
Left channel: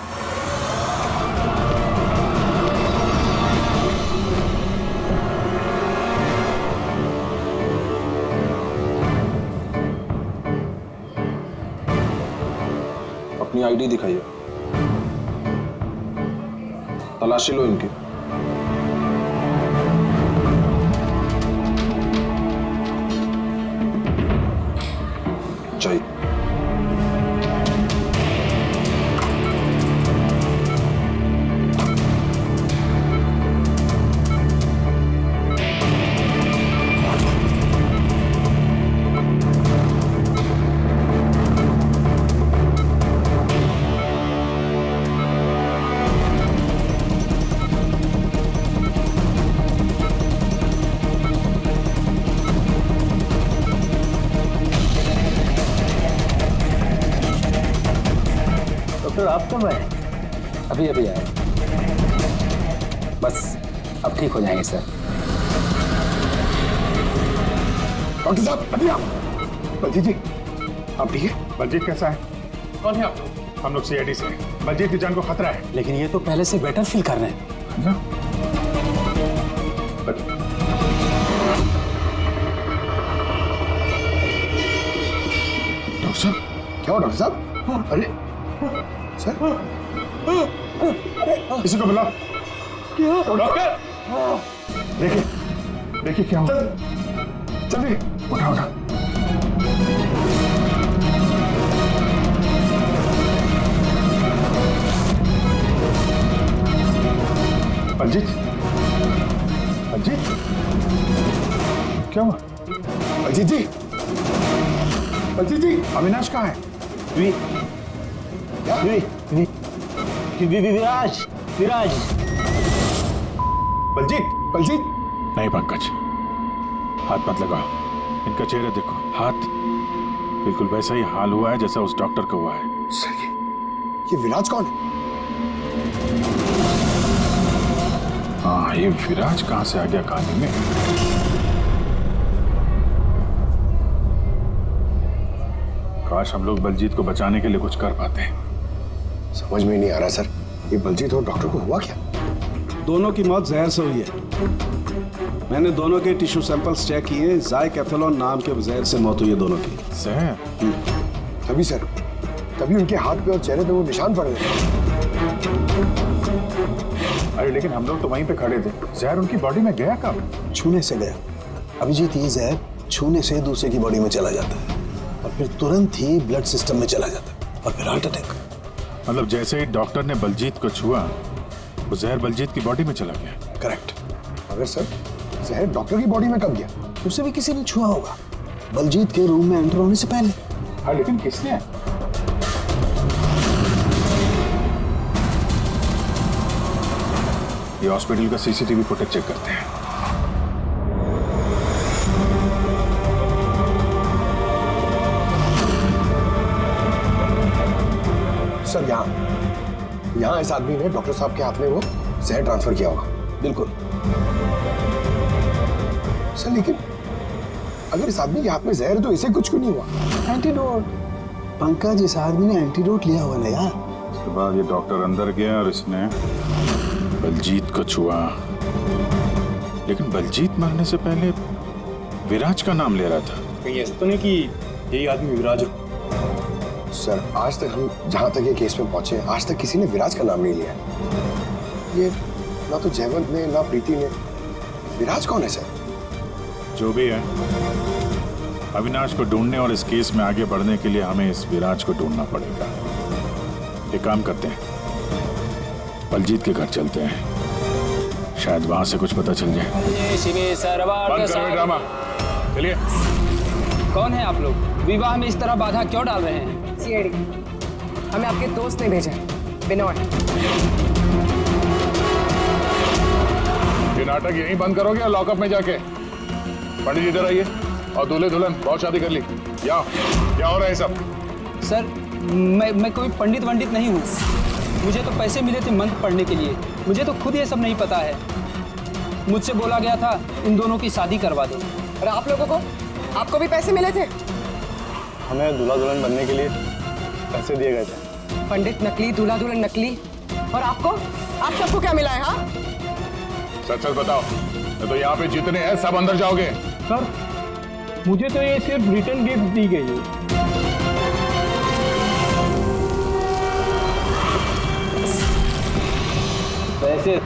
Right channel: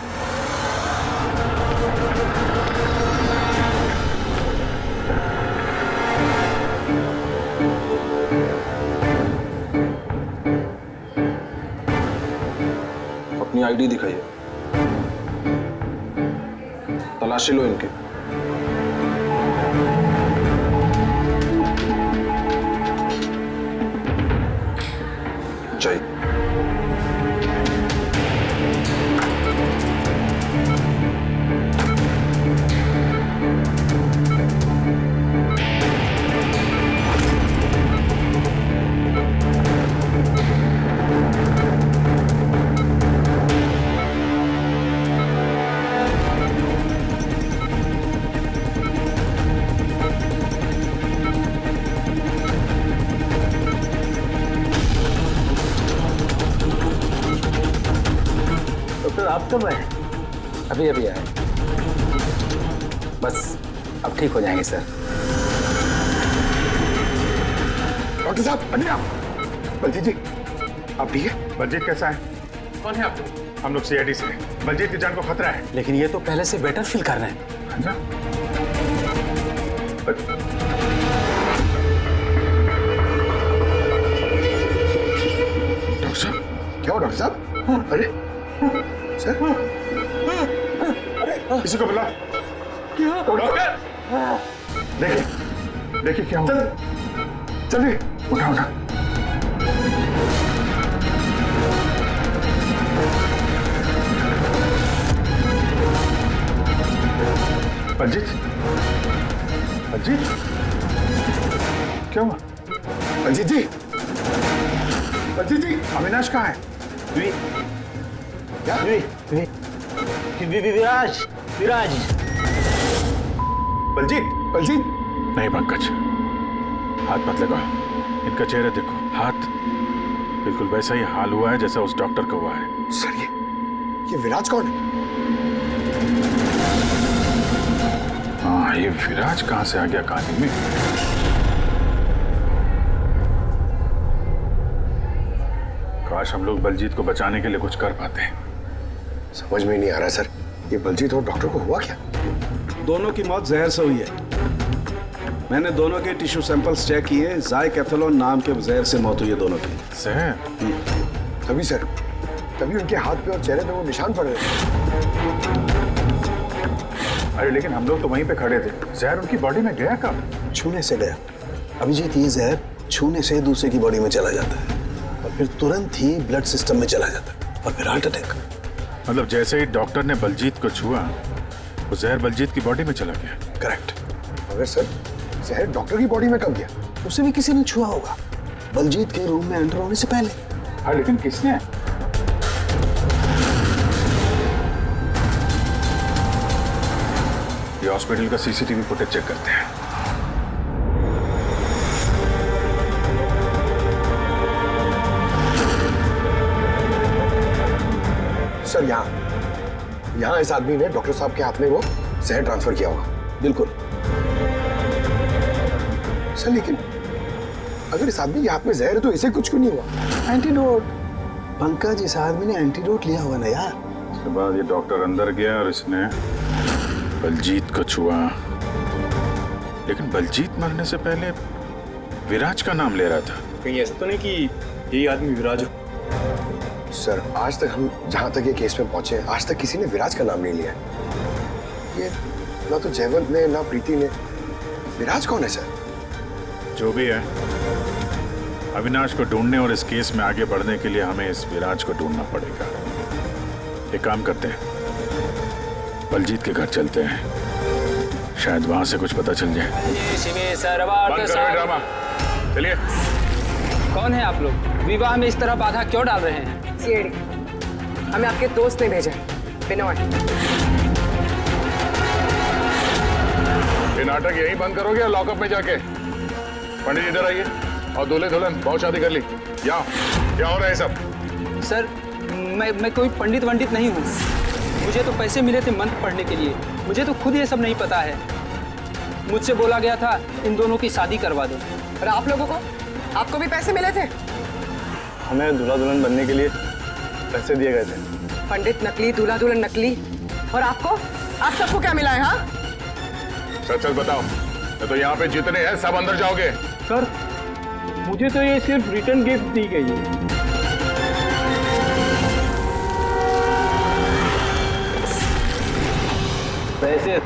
अपनी आईडी दिखाइए, तलाशी लो इनकी। चाहिए। डॉक्टर आप कब आए? अभी अभी आए, बस अब ठीक हो जाएंगे सर। डॉक्टर साहब बढ़िया। बलजीत जी आप ठीक है? बलजीत कैसा है? कौन है आप लोग? हम लोग सीआईडी से हैं। बलजीत की जान को खतरा है। लेकिन ये तो पहले से बेटर फील कर रहे हैं। अच्छा? डॉक्टर साहब क्या हो डॉक्टर साहब? अरे सर किसी को बुला। क्या डॉक्टर? देखिए देखिए क्या हुआ। चलिए उठा उठा। बलजीत बलजीत क्या हुआ? बलजीत जी, बलजीत जी अविनाश कहाँ है? क्या? विराज विराज। बलजीत बलजीत नहीं पंकज, हाथ मत लगाओ। इनका चेहरा देखो, हाथ बिल्कुल वैसा ही हाल हुआ है जैसा उस डॉक्टर का हुआ है। सर ये विराज कौन है? हाँ ये विराज कहाँ से आ गया कहानी में? काश हम लोग बलजीत को बचाने के लिए कुछ कर पाते हैं। समझ में नहीं आ रहा सर, ये बलजीत और डॉक्टर को हुआ क्या? दोनों की मौत जहर से हुई है। मैंने दोनों के टिश्यू सैंपल्स चेक किए, ज़ाइकैथोलोन नाम के जहर से मौत हुई है दोनों की। जहर? तभी सर, तभी उनके हाथ पे और चेहरे पे वो निशान पड़ रहे थे। अरे लेकिन हम लोग तो वहीं पे खड़े थे, जहर उनकी बॉडी में गया कब? छूने से गया। अभिजीत, ये जहर छूने से दूसरे की बॉडी में चला जाता है और फिर तुरंत ही ब्लड सिस्टम में चला जाता है और फिर हार्ट अटैक। मतलब जैसे ही डॉक्टर ने बलजीत को छुआ, वो जहर बलजीत की बॉडी में चला गया। करेक्ट। मगर सर जहर डॉक्टर की बॉडी में कब गया? उसे भी किसी ने छुआ होगा, बलजीत के रूम में एंटर होने से पहले। हाँ लेकिन किसने? ये हॉस्पिटल का सीसीटीवी फुटेज चेक करते हैं। सर यहाँ इस आदमी ने डॉक्टर साहब के हाथ में वो जहर ट्रांसफर किया होगा। बिल्कुल सर, लेकिन अगर इस आदमी के हाथ में जहर है तो इसे कुछ क्यों नहीं हुआ? एंटीडोट। पंकज, इस आदमी ने एंटीडोट लिया हुआ ना यार। उसके बाद ये डॉक्टर अंदर गया और इसने बलजीत को छुआ। लेकिन बलजीत मरने से पहले विराज का नाम ले रहा था। कहीं ऐसा तो नहीं कि यही आदमी विराज हो? सर आज तक हम जहां तक ये केस में पहुंचे आज तक किसी ने विराज का नाम नहीं लिया है। ये ना तो जयवंत ने ना प्रीति ने। विराज कौन है सर? जो भी है, अविनाश को ढूंढने और इस केस में आगे बढ़ने के लिए हमें इस विराज को ढूंढना पड़ेगा। एक काम करते हैं, बलजीत के घर चलते हैं, शायद वहां से कुछ पता चल जाए। बंद करो ये ड्रामा, चलिए। कौन है आप लोग? विवाह में इस तरह बाधा क्यों डाल रहे हैं? सीआईडी, हमें आपके दोस्त ने भेजा, बिनोय। ये नाटक यहीं बंद करोगे या लॉकअप में जाके? पंडित जी इधर आइए और दूल्हे दुल्हन बहुत शादी कर ली। क्या हो रहा है सब? सर मैं कोई पंडित वंडित नहीं हूँ। मुझे तो पैसे मिले थे मंत्र पढ़ने के लिए। मुझे तो खुद ये सब नहीं पता है। मुझसे बोला गया था इन दोनों की शादी करवा दो। और आप लोगों को, आपको भी पैसे मिले थे? हमें दूल्हा दुल्हन बनने के लिए पैसे दिए गए थे। पंडित नकली, दूल्हा दुल्हन नकली, और आपको, आप सबको क्या मिला है? हाँ, सच सच बताओ, नहीं तो यहाँ पे जितने हैं सब अंदर जाओगे। सर मुझे तो ये सिर्फ रिटर्न गिफ्ट दी गई है। पैसे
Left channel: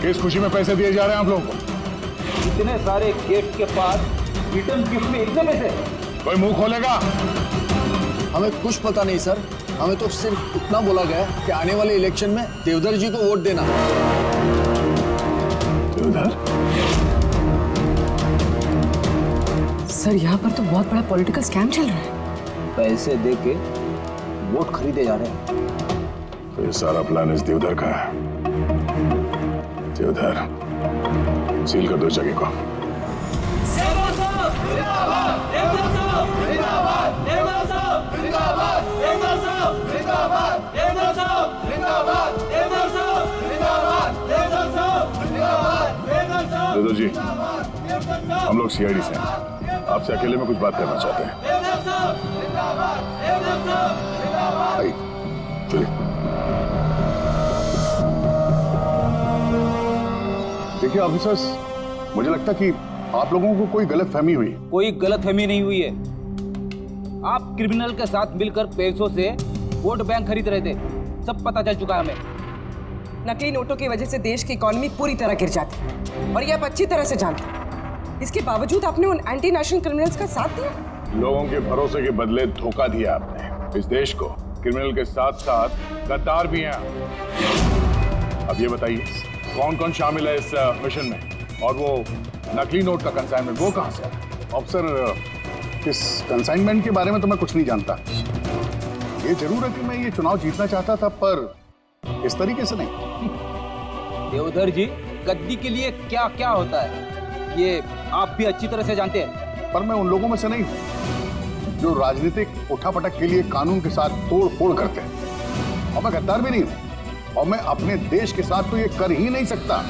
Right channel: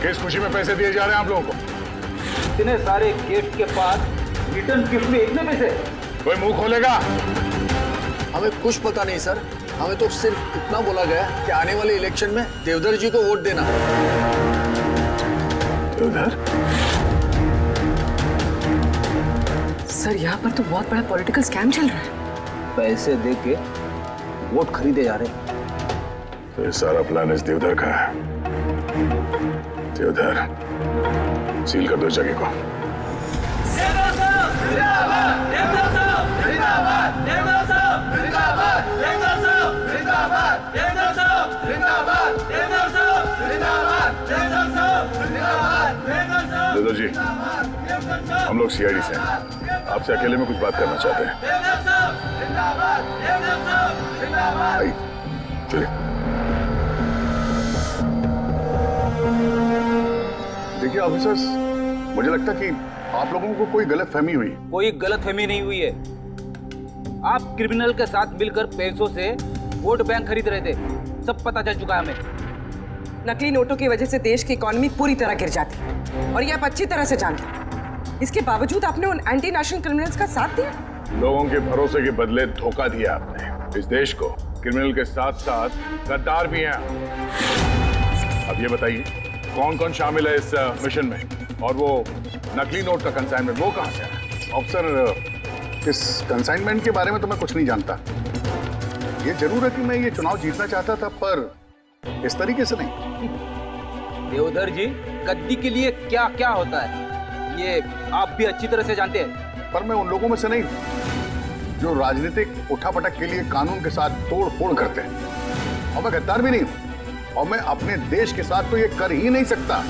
किस खुशी में पैसे दिए जा रहे हैं आप लोगों को? इतने सारे गिफ्ट के पास रिटर्न गिफ्ट में इतने पैसे? कोई मुंह खोलेगा? हमें कुछ पता नहीं सर, हमें तो सिर्फ इतना बोला गया कि आने वाले इलेक्शन में देवधर जी को वोट देना। देवधर? सर यहाँ पर तो बहुत बड़ा पॉलिटिकल स्कैम चल रहा है। पैसे दे के वोट खरीदे जा रहे हैं। तो ये सारा प्लान इस देवधर का है। देवधर, सील कर दो इस जगह को। देवधर जी, हम लोग सीआईडी से हैं, आपसे अकेले में कुछ बात करना चाहते हैं। आइए, चलिए। देखिए ऑफिसर्स, मुझे लगता कि आप लोगों को कोई गलतफहमी हुई। कोई गलतफहमी नहीं हुई है। आप क्रिमिनल के साथ मिलकर पैसों से वोट बैंक खरीद रहे थे, सब पता चल चुका है हमें। नकली नोटों की वजह से देश की इकोनॉमी पूरी तरह गिर जाती है और ये आप अच्छी तरह से जानते हैं। इसके बावजूद आपने उन एंटी नेशनल क्रिमिनल्स का साथ दिया। लोगों के भरोसे के बदले धोखा दिया आपने इस देश को। क्रिमिनल के साथ साथ गद्दार भी हैं। अब ये बताइए कौन कौन शामिल है इस मिशन में, और वो नकली नोट का कंसाइनमेंट वो कहां से आया? ऑफिसर, इस कंसाइनमेंट के बारे में तो मैं कुछ नहीं जानता। ये जरूर है कि मैं ये चुनाव जीतना चाहता था, पर इस तरीके से नहीं। देवधर जी, गद्दी के लिए क्या क्या होता है ये आप भी अच्छी तरह से जानते हैं। पर मैं उन लोगों में से नहीं हूं जो राजनीतिक उठापटक के लिए कानून के साथ तोड़ फोड़ करते हैं, और मैं गद्दार भी नहीं हूं, और मैं अपने देश के साथ तो ये कर ही नहीं सकता।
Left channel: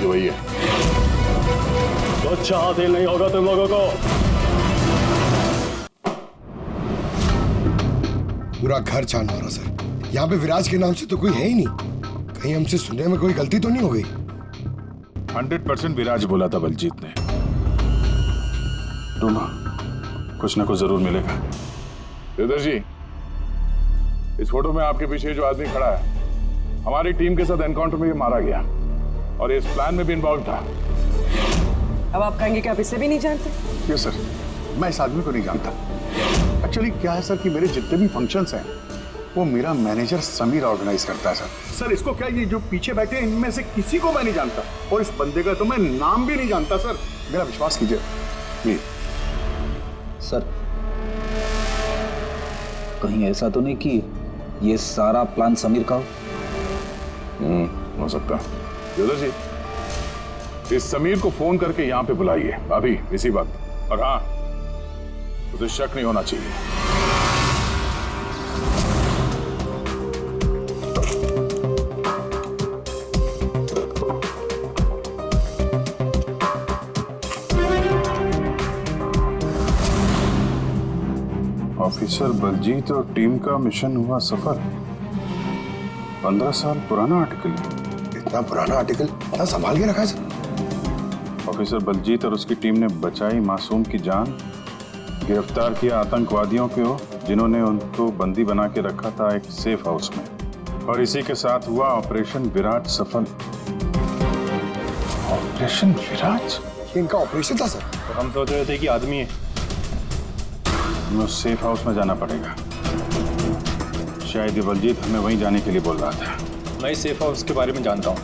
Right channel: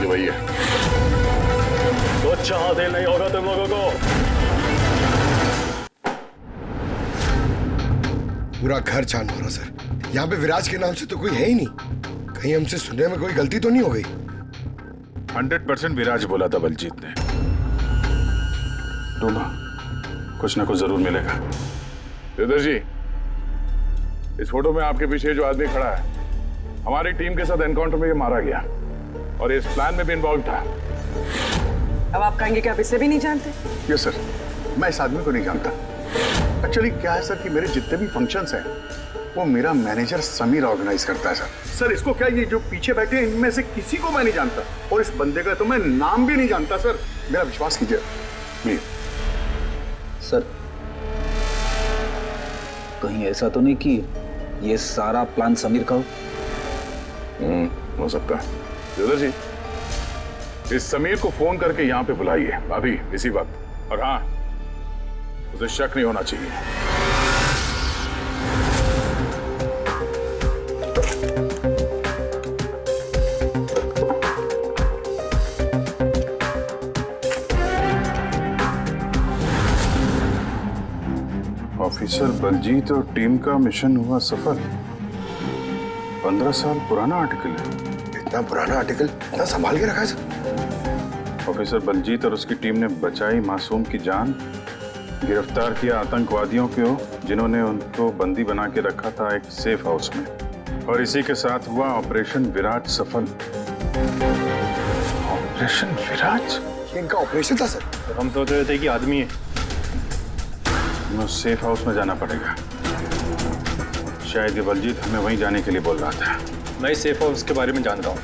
ये वही है। कुछ हासिल नहीं होगा तुम लोगों को। पूरा घर छान मारा सर। यहाँ पे विराज के नाम से तो कोई है ही नहीं। कहीं हमसे सुनने में कोई गलती तो नहीं हो गई? 100% विराज बोला था बलजीत ने। ढूंढो, कुछ ना कुछ जरूर मिलेगा। देवधर जी, इस फोटो में आपके पीछे जो आदमी खड़ा है, हमारी टीम के साथ एनकाउंटर में ये मारा गया और इस प्लान में भी इन्वॉल्व था। अब आप कहेंगे कि आप इसे भी नहीं जानते? यस सर, मैं इस आदमी को नहीं जानता। एक्चुअली क्या है सर कि मेरे जितने भी फंक्शंस हैं वो मेरा मैनेजर समीर ऑर्गेनाइज करता है सर। इसको क्या, ये जो पीछे बैठे हैं इनमें से किसी को मैं नहीं जानता, और इस बंदे का तो मैं नाम भी नहीं जानता सर। मेरा विश्वास कीजिए प्लीज। सर कहीं ऐसा तो नहीं कि ये सारा प्लान समीर का हो सकता है। देवधर जी, इस समीर को फोन करके यहाँ पे बुलाइए अभी इसी वक्त, और हाँ, उसे शक नहीं होना चाहिए। ऑफिसर बलजीत और टीम का मिशन हुआ सफल। 15 साल पुराना आर्टिकल है। इतना पुराना आर्टिकल इतना संभाल के रखा है सर? ऑफिसर बलजीत और उसकी टीम ने बचाई मासूम की जान, गिरफ्तार किया आतंकवादियों को जिन्होंने उनको बंदी बना के रखा था एक सेफ हाउस में, और इसी के साथ हुआ ऑपरेशन विराट सफल। ऑपरेशन विराट? ये इनका ऑपरेशन था सर? तो हम सोच रहे थे कि आदमी है। हमें उस सेफ हाउस में जाना पड़ेगा। शायद ये बलजीत हमें वहीं जाने के लिए बोल रहा था। मैं इस सेफ हाउस के बारे में जानता हूँ।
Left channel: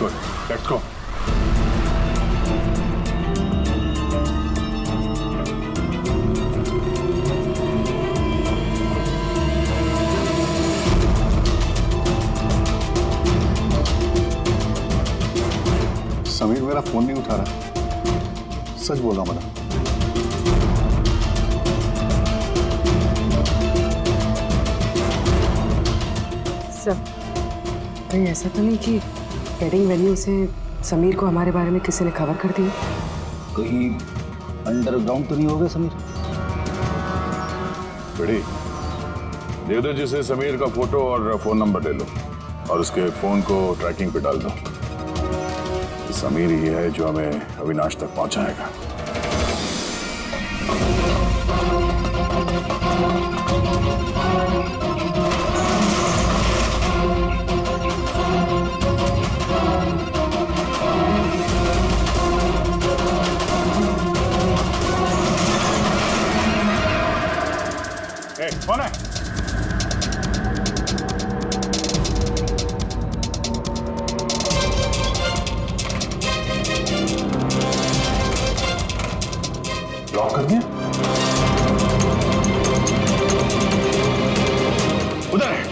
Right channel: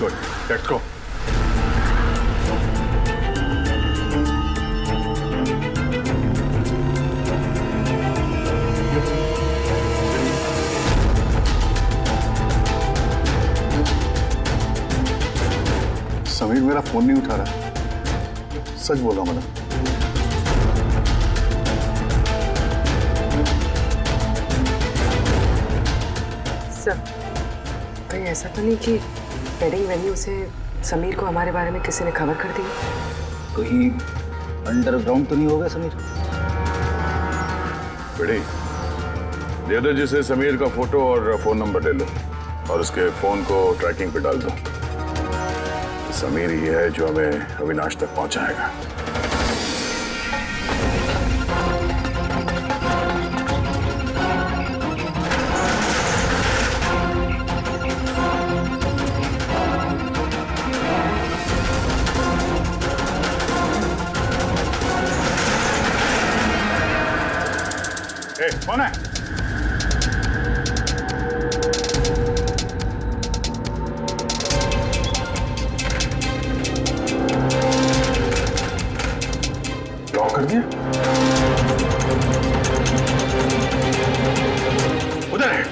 Good, let's go. समीर मेरा फोन नहीं उठा रहा। सच बोल रहा हूं मैडम। सर, कहीं ऐसा तो नहीं कि वेडिंग वेन्यू से समीर को हमारे बारे में किसी ने खबर कर दी? कहीं अंडरग्राउंड तो नहीं हो गया समीर? बेटी, देवदत्त जी से समीर का फोटो और फोन नंबर ले लो और उसके फोन को ट्रैकिंग पे डाल दो। समीर ही है जो हमें अविनाश तक पहुंचाएगा। कौन है? लॉक कर दिया? उधर है।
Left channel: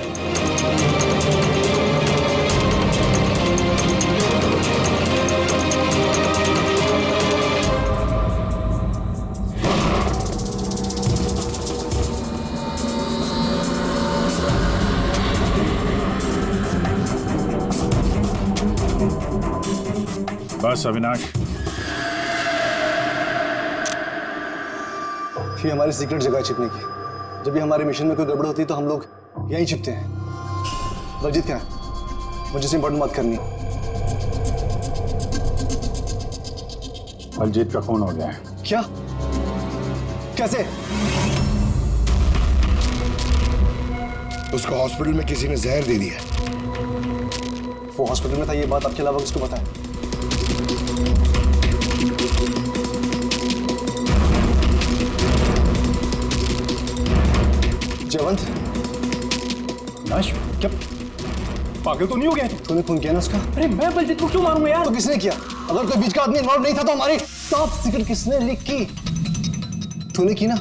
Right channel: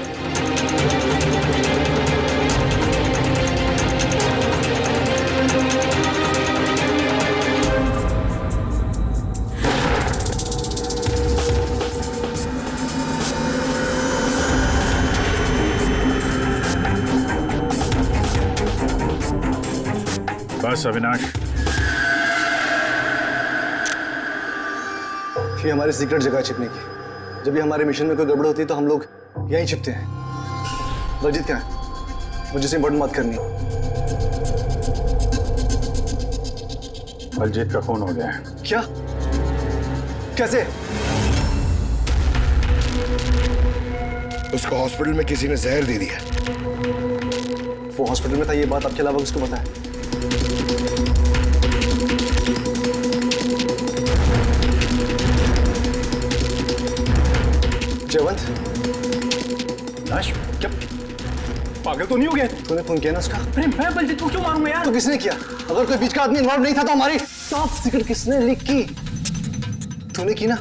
बस अविनाश, ये हमारी सीक्रेट जगह है छिपने की। जब भी हमारे मिशन में कोई गड़बड़ होती है तो हम लोग यहीं छिपते हैं। बलजीत क्या है? मुझे से इंपॉर्टेंट बात करनी। बलजीत का खून हो गया है। क्या? कैसे? उसको हॉस्पिटल में किसी ने जहर दे दिया। वो हॉस्पिटल में था, ये बात आपके अलावा किसको पता है? जयवंत, नाश, क्या पागल तो नहीं हो गया तू? तूने खून किया ना उसका? अरे मैं बलजीत को क्यों मारूंगा यार? तो किसने किया? अगर कोई बीच का आदमी इन्वॉल्व नहीं था तो हमारी टॉप सीक्रेट किसने लीक की? तूने की ना?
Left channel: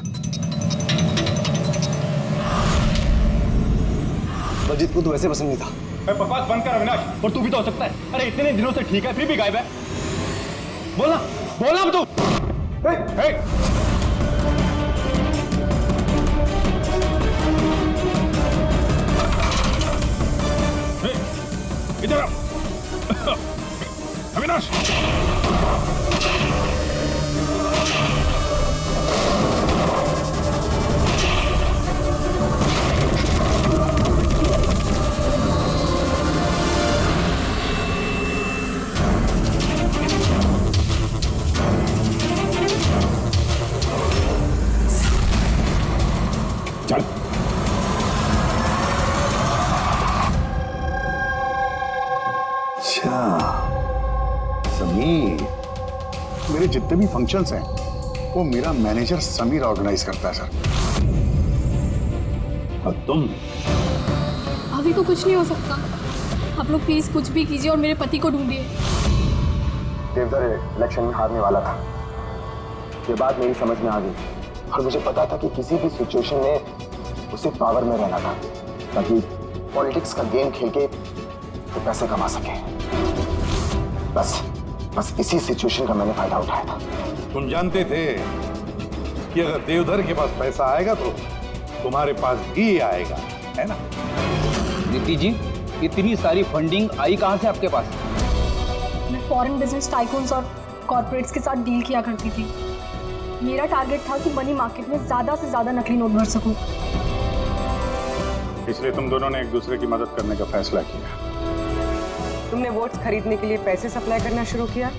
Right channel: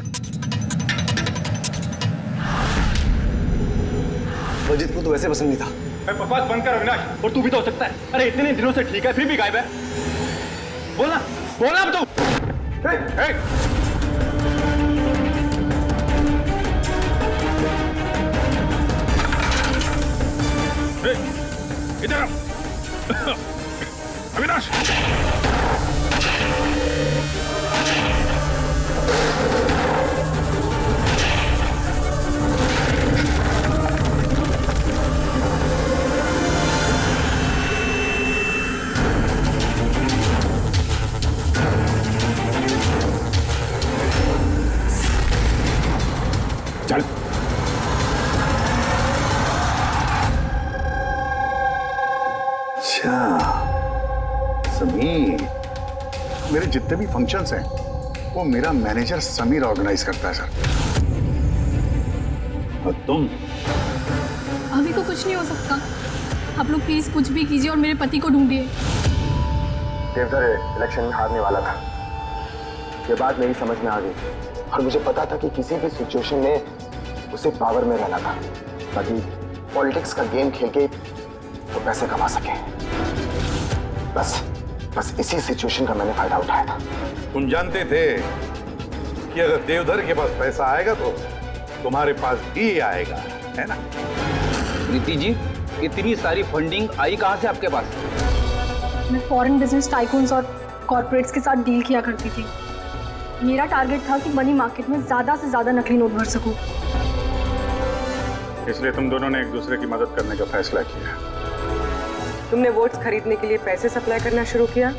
बलजीत को तो वैसे पसंद नहीं था। बकवास बंद कर अविनाश, और तू भी तो हो सकता है। अरे इतने दिनों से ठीक है, फिर भी गायब है। बोलना बोलना अब तू। इधर आओ। अविनाश, चल। अच्छा समीर, मेरे जितने भी फंक्शंस हैं वो मेरा मैनेजर समीर ऑर्गेनाइज करता है सर। और तुम? अभी को कुछ नहीं हो सकता। आप लोग प्लीज कुछ भी कीजिए और मेरे पति को ढूंढिए। देवधर इलेक्शन में हारने वाला था, ये बात मेरी समझ में आ गई और मुझे पता था कि किसी भी सिचुएशन में उसे पावर में रहना था ताकि पॉलिटिक्स का गेम खेल के वो पैसे कमा सके। बस इसी सिचुएशन का मैंने फायदा उठाया था। तुम जानते थे कि अगर देवधर के पास पैसा आएगा तो तुम्हारे पास भी आएगा, है ना? प्रीति जी, इतनी सारी फंडिंग आई कहां से आपके पास? मैं फॉरेन बिजनेस टाइकून्स और कॉर्पोरेट्स के साथ डील किया करती थी। मेरा टारगेट था कि मनी मार्केट में ज़्यादा से ज़्यादा नकली नोट भर सकूं। इसलिए तुम दोनों ने एक दूसरे की मदद करने का फैसला किया। तुमने वोट्स खरीदने के लिए पैसे सप्लाई करना शुरू किया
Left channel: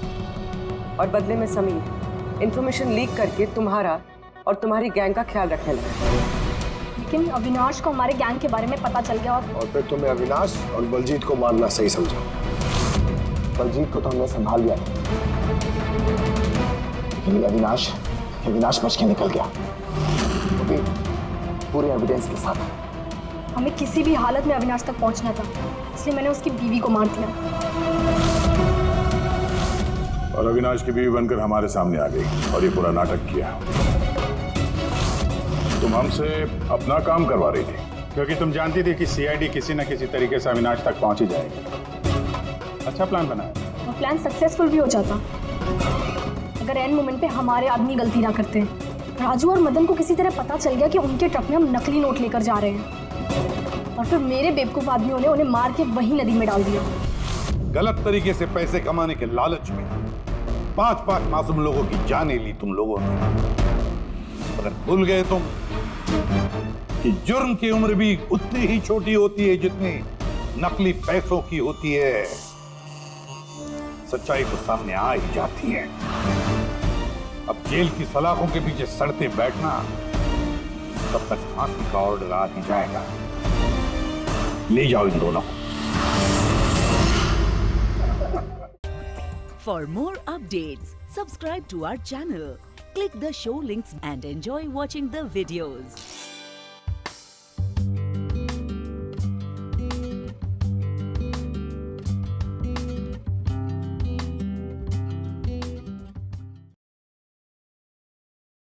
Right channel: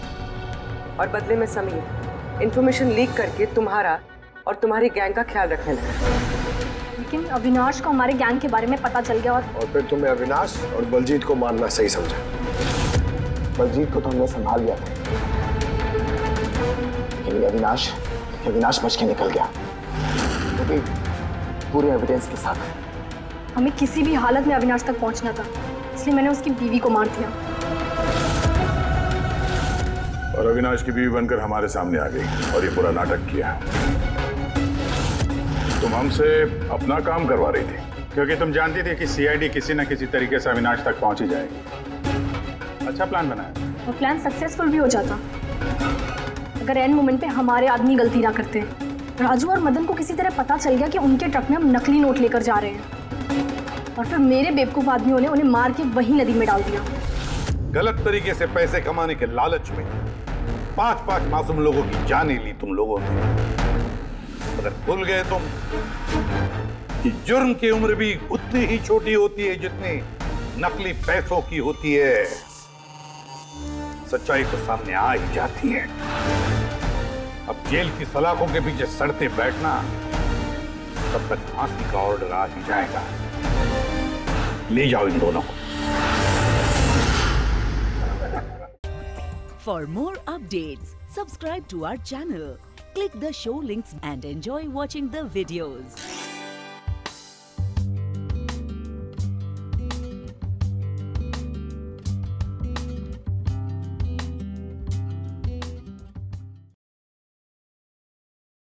और बदले में समीर इंफॉर्मेशन लीक करके तुम्हारा और तुम्हारी गैंग का ख्याल रखने लगा। लेकिन अविनाश को हमारे गैंग के बारे में पता चल गया और फिर तुमने अविनाश और बलजीत को मारना सही समझा। बलजीत को तो हमने संभाल लिया था, लेकिन ये अविनाश बच के निकल गया, वो भी पूरे एविडेंस के साथ। हमें किसी भी हालत में अविनाश तक पहुंचना था, इसलिए मैंने उसकी बीवी को मार दिया। और अविनाश की बीवी बनकर हमारे सामने आ गई और ये पूरा नाटक किया। तुम हमसे अपना काम करवा रही थी क्योंकि तुम जानती थी कि सीआईडी किसी न किसी तरीके से अविनाश तक पहुंच ही जाएगी। अच्छा प्लान बनाया। और प्लान सक्सेसफुल भी हो जाता अगर एंड मोमेंट पे हमारे आदमी गलती ना करते। राजू और मदन को किसी तरह पता चल गया कि उनके ट्रक में हम नकली नोट लेकर जा रहे हैं, और फिर मेरे बेवकूफ आदमियों ने उन्हें मार के वही नदी में डाल दिया। गलत तरीके से पैसे कमाने के लालच में 5-5 मासूम लोगों की जानें ली तुम लोगों ने। अगर भूल गए तुम कि जुर्म की उम्र भी उतनी ही छोटी होती है जितनी नकली पैसों की होती है। सच्चाई तो सामने आ ही जाती है। अब जेल की सलाखों के पीछे सड़ते बैठना, तब तक फांसी का ऑर्डर आ ही जाएगा। ले जाओ इन दोनों को। For more updates, subscribe to our channel, click the show links and enjoy watching the videos.